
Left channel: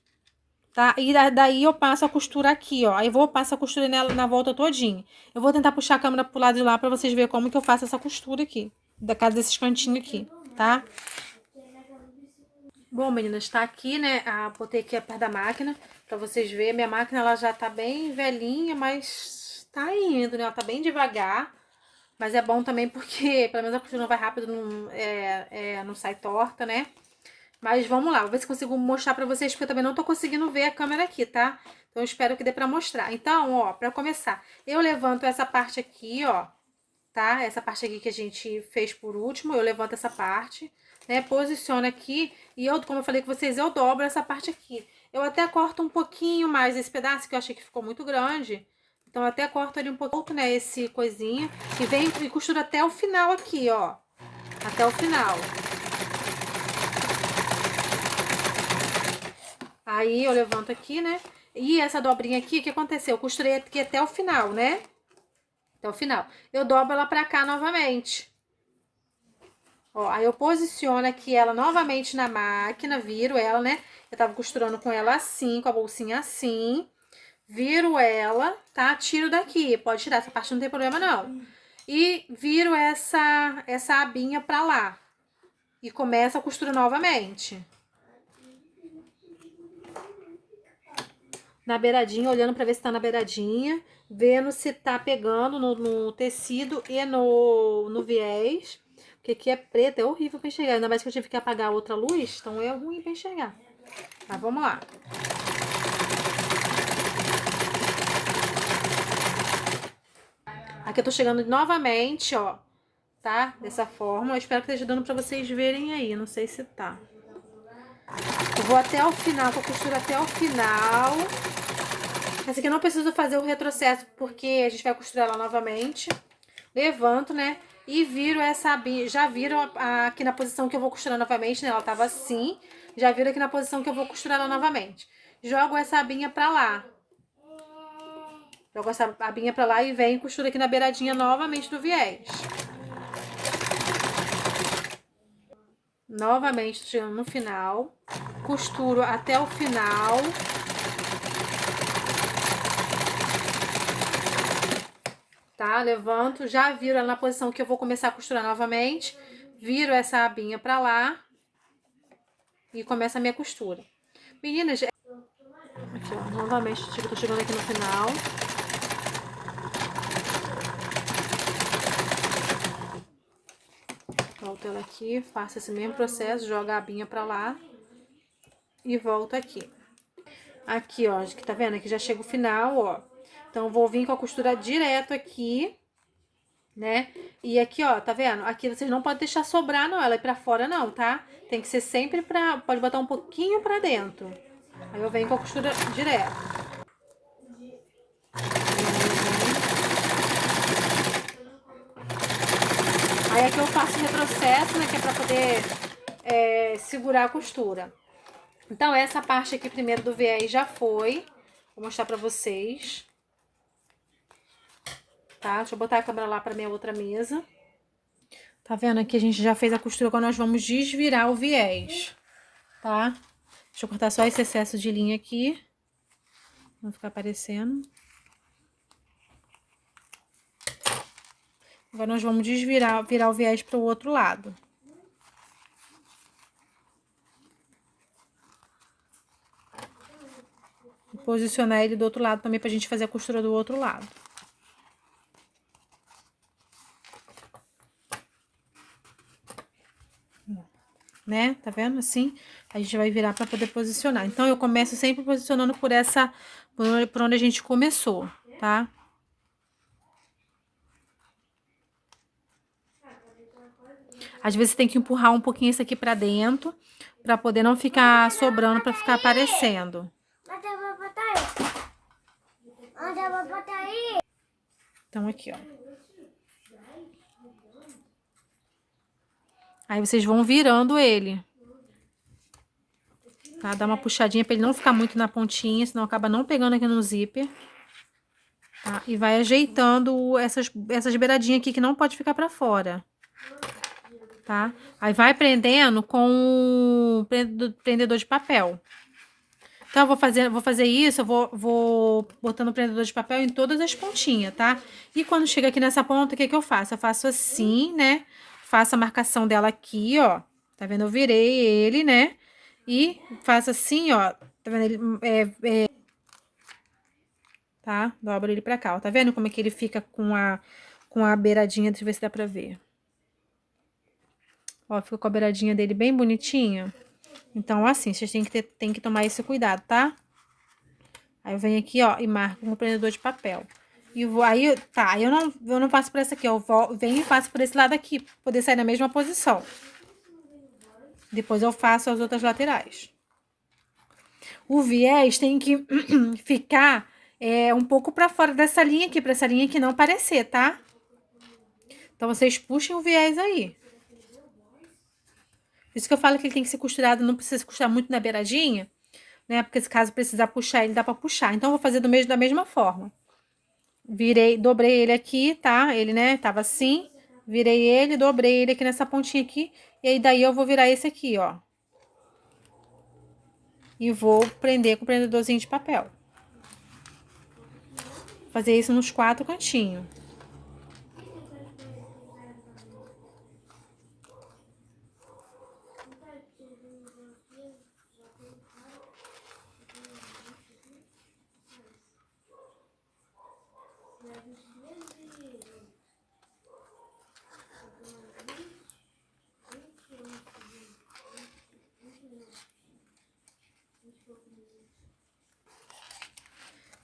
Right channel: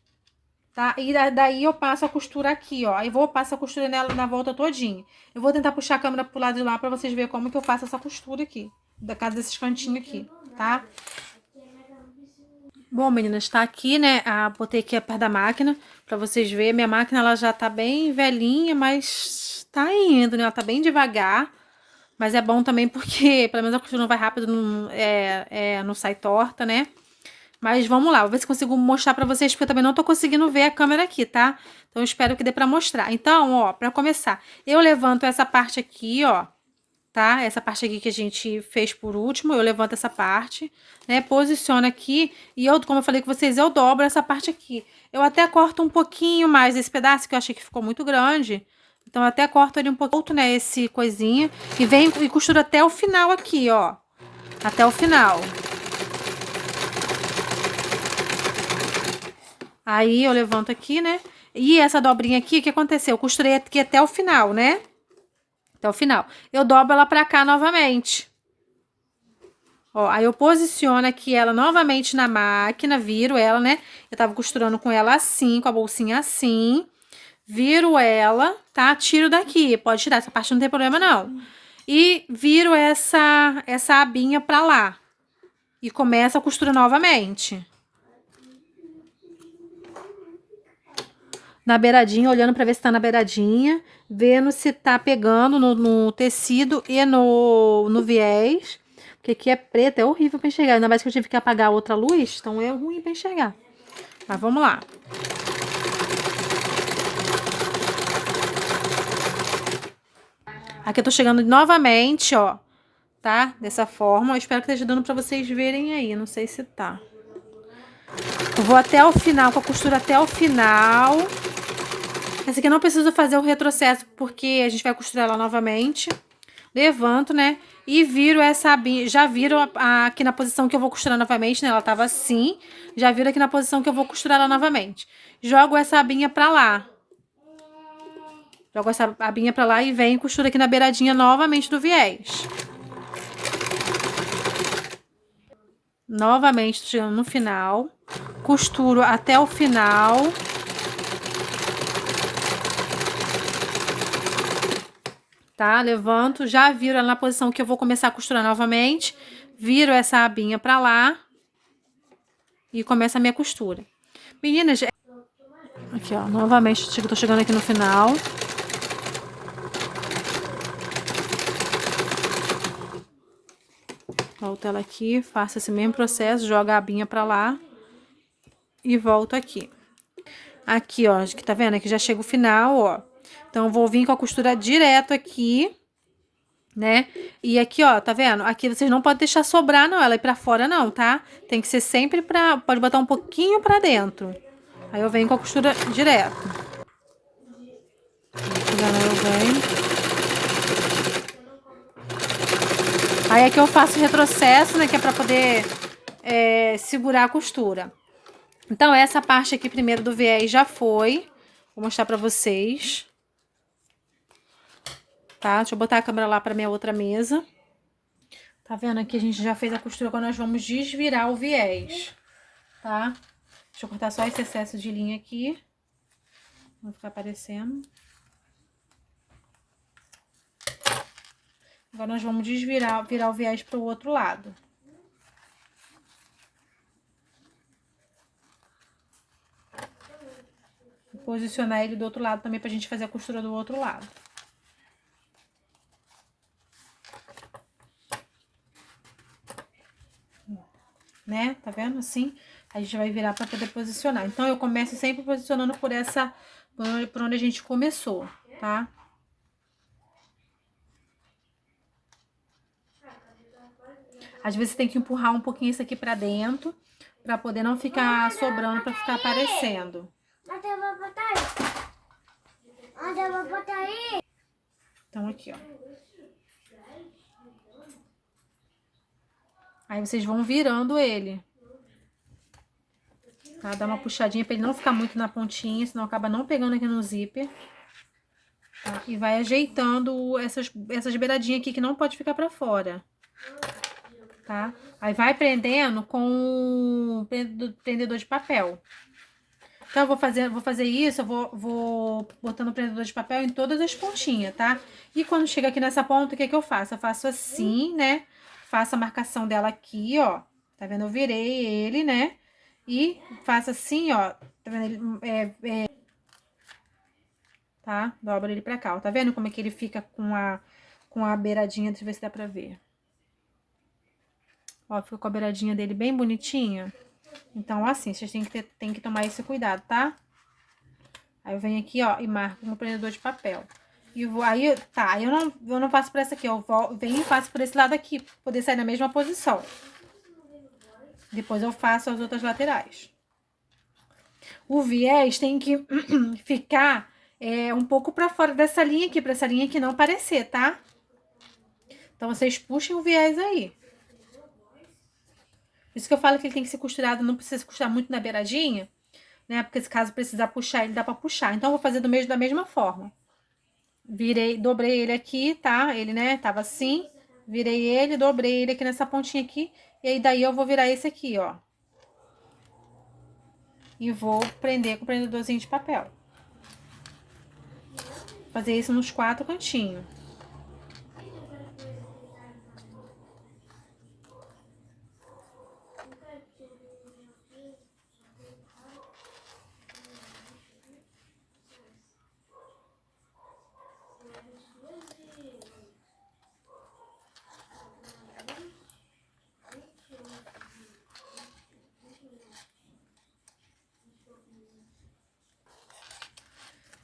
Tá? E daí eu passo a costura aqui, ó. Aí vou passar a costura nela na volta todinha. Eu vou tentar puxar a câmera pro lado de lá pra vocês verem como que eu faço essa costura aqui. Da casa desses cantinhos aqui, tá? Bom, meninas, tá aqui, né? Botei aqui perto da máquina pra vocês verem. Minha máquina, ela já tá bem velhinha, mas tá indo, né? Ela tá bem devagar. Mas é bom também porque, pelo menos a costura não vai rápido, não sai torta, né? Mas vamos lá, vou ver se consigo mostrar pra vocês, porque eu também não tô conseguindo ver a câmera aqui, tá? Então, eu espero que dê pra mostrar. Então, ó, pra começar, eu levanto essa parte aqui, ó, tá? Essa parte aqui que a gente fez por último, eu levanto essa parte, né? Posiciono aqui e eu, como eu falei com vocês, eu dobro essa parte aqui. Eu até corto um pouquinho mais esse pedaço, que eu achei que ficou muito grande. Então, eu até corto ali um pouco, né, esse coisinho. E venho e costuro até o final aqui, ó. Até o final. Aí eu levanto aqui, né? E essa dobrinha aqui, o que aconteceu? Eu costurei aqui até o final, né? Até o final. Eu dobro ela pra cá novamente. Ó, aí eu posiciono aqui ela novamente na máquina, viro ela, né? Eu tava costurando com ela assim, com a bolsinha assim. Viro ela, tá? Tiro daqui. Pode tirar, essa parte não tem problema, não. E viro essa abinha pra lá. E começo a costura novamente. Na beiradinha, olhando pra ver se tá na beiradinha, vendo se tá pegando no tecido e no viés, porque aqui é preto, é horrível pra enxergar, ainda mais que eu tive que apagar outra luz, então é ruim pra enxergar. Mas vamos lá. Aqui eu tô chegando novamente, ó, tá? Dessa forma, eu espero que esteja dando pra vocês verem aí, não sei se tá. Eu vou até o final, com a costura até o final. Esse aqui eu não preciso fazer o retrocesso, porque a gente vai costurar ela novamente. Levanto, né? e viro essa abinha, já viro aqui na posição que eu vou costurar novamente, né? Ela tava assim, já viro aqui na posição que eu vou costurar ela novamente. Jogo essa abinha pra lá. Jogo essa abinha pra lá e venho e costuro aqui na beiradinha novamente do viés. Novamente, tirando no final. Costuro até o final. Tá? Levanto, já viro ela na posição que eu vou começar a costurar novamente. Viro essa abinha pra lá. E começa a minha costura. Meninas, aqui ó, novamente, tô chegando aqui no final. Volto ela aqui, faço esse mesmo processo, jogo a abinha pra lá. E volto aqui. Aqui, ó, que tá vendo? Aqui já chega o final, ó. Então, eu vou vir com a costura direto aqui, né? E aqui, ó, tá vendo? Aqui vocês não podem deixar sobrar, não, ela ir pra fora, não, tá? Tem que ser sempre pode botar um pouquinho pra dentro. Aí eu venho com a costura direto. Aí aqui eu faço retrocesso, né, que é pra poder segurar a costura. Então, essa parte aqui primeiro do viés já foi. Vou mostrar pra vocês. Tá? Deixa eu botar a câmera lá pra minha outra mesa. Tá vendo? Aqui a gente já fez a costura quando nós vamos desvirar o viés. Tá? Deixa eu cortar só esse excesso de linha aqui. Não ficar aparecendo. Agora nós vamos virar o viés pro outro lado. Posicionar ele do outro lado também pra gente fazer a costura do outro lado. Né? Tá vendo? Assim, a gente vai virar pra poder posicionar. Então, eu começo sempre posicionando por onde a gente começou, tá? Às vezes, você tem que empurrar um pouquinho isso aqui pra dentro, pra poder não ficar sobrando, pra ficar aparecendo. Onde eu vou botar aí? Onde eu vou botar aí? Então, aqui, ó. Aí, vocês vão virando ele. Tá? Dá uma puxadinha pra ele não ficar muito na pontinha, senão acaba não pegando aqui no zíper. Tá? E vai ajeitando essas beiradinhas aqui que não pode ficar pra fora. Tá? Aí, vai prendendo com o prendedor de papel. Então, eu vou fazer isso, eu vou botando o prendedor de papel em todas as pontinhas, tá? E quando chega aqui nessa ponta, o que que eu faço? Eu faço assim, né? Faço a marcação dela aqui, ó. Tá vendo? Eu virei ele, né? E faço assim, ó. Tá vendo? Tá? Dobro ele pra cá, ó. Tá vendo como é que ele fica com a beiradinha? Deixa eu ver se dá pra ver. Ó, fica com a beiradinha dele bem bonitinha. Então, assim, vocês têm que tomar esse cuidado, tá? Aí eu venho aqui, ó, e marco no prendedor de papel. E vou, aí, tá, eu não faço por essa aqui, venho e faço por esse lado aqui, pra poder sair na mesma posição. Depois eu faço as outras laterais. O viés tem que ficar um pouco pra fora dessa linha aqui, pra essa linha aqui não aparecer, tá? Então, vocês puxem o viés aí. Por isso que eu falo que ele tem que ser costurado, não precisa costurar muito na beiradinha, né? Porque se caso precisar puxar, ele dá pra puxar. Então, eu vou fazer da mesma forma. Dobrei ele aqui, tá? Ele, né, tava assim. Virei ele, dobrei ele aqui nessa pontinha aqui. E aí, daí eu vou virar esse aqui, ó. E vou prender com o prendedorzinho de papel. Fazer isso nos 4 cantinhos.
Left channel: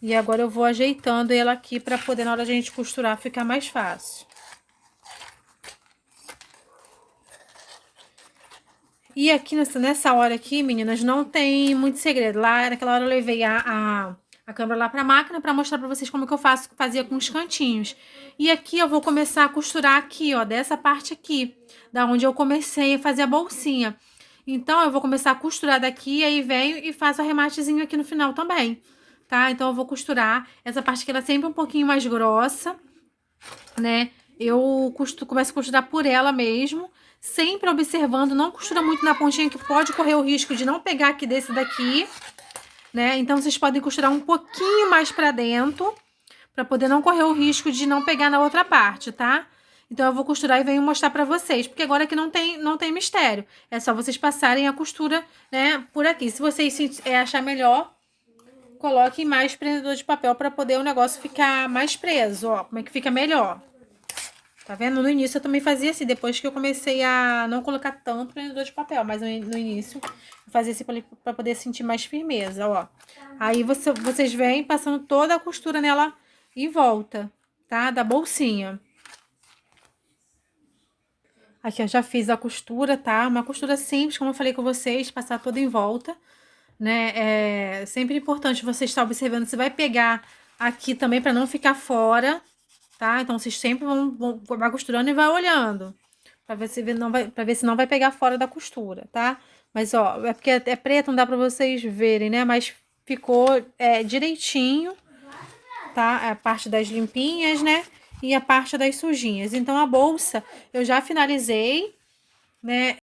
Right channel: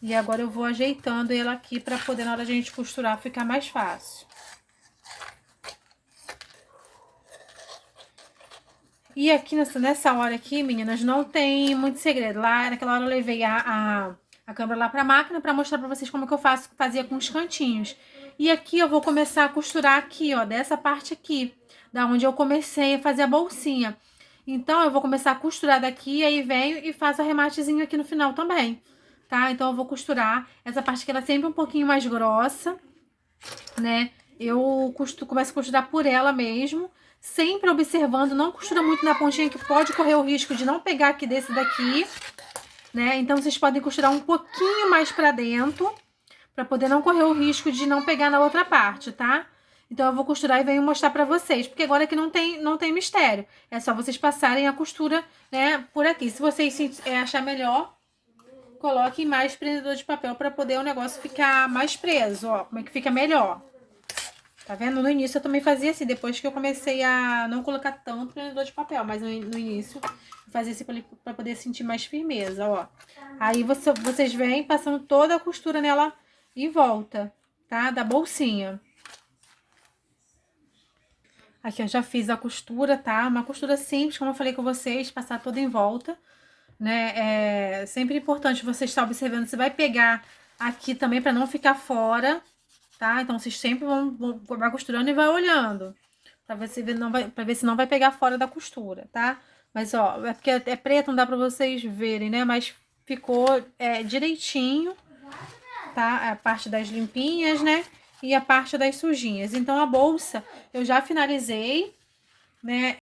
E agora eu vou ajeitando ela aqui pra poder, na hora de a gente costurar, ficar mais fácil. E aqui nessa hora aqui, meninas, não tem muito segredo. Lá, naquela hora eu levei a a câmera lá pra máquina pra mostrar pra vocês como que eu fazia com os cantinhos. E aqui eu vou começar a costurar aqui, ó, dessa parte aqui, da onde eu comecei a fazer a bolsinha. Então, eu vou começar a costurar daqui, aí venho e faço o arrematezinho aqui no final também, tá? Então, eu vou costurar essa parte que ela é sempre um pouquinho mais grossa, né? Eu começo a costurar por ela mesmo, sempre observando, não costura muito na pontinha que pode correr o risco de não pegar aqui desse daqui, né? Então, vocês podem costurar um pouquinho mais pra dentro, pra poder não correr o risco de não pegar na outra parte, tá? Então, eu vou costurar e venho mostrar pra vocês, porque agora aqui não tem mistério. É só vocês passarem a costura, né, por aqui. Se vocês achar melhor, coloquem mais prendedor de papel pra poder o negócio ficar mais preso, ó. Como é que fica melhor. Tá vendo? No início eu também fazia assim, depois que eu comecei a não colocar tanto prendedor de papel, mas no início eu fazia assim pra poder sentir mais firmeza, ó. Aí vocês vêm passando toda a costura nela em volta, tá? Da bolsinha. Aqui eu já fiz a costura, tá? Uma costura simples, como eu falei com vocês, passar toda em volta, né? É sempre importante você estar observando se vai pegar aqui também para não ficar fora, tá? Então vocês sempre vai costurando e vai olhando, para ver se não vai, para ver se não vai pegar fora da costura, tá? Mas ó, é porque é preto, não dá para vocês verem, né? Mas ficou direitinho, tá? A parte das limpinhas, né? E a parte das sujinhas. Então a bolsa eu já finalizei, né?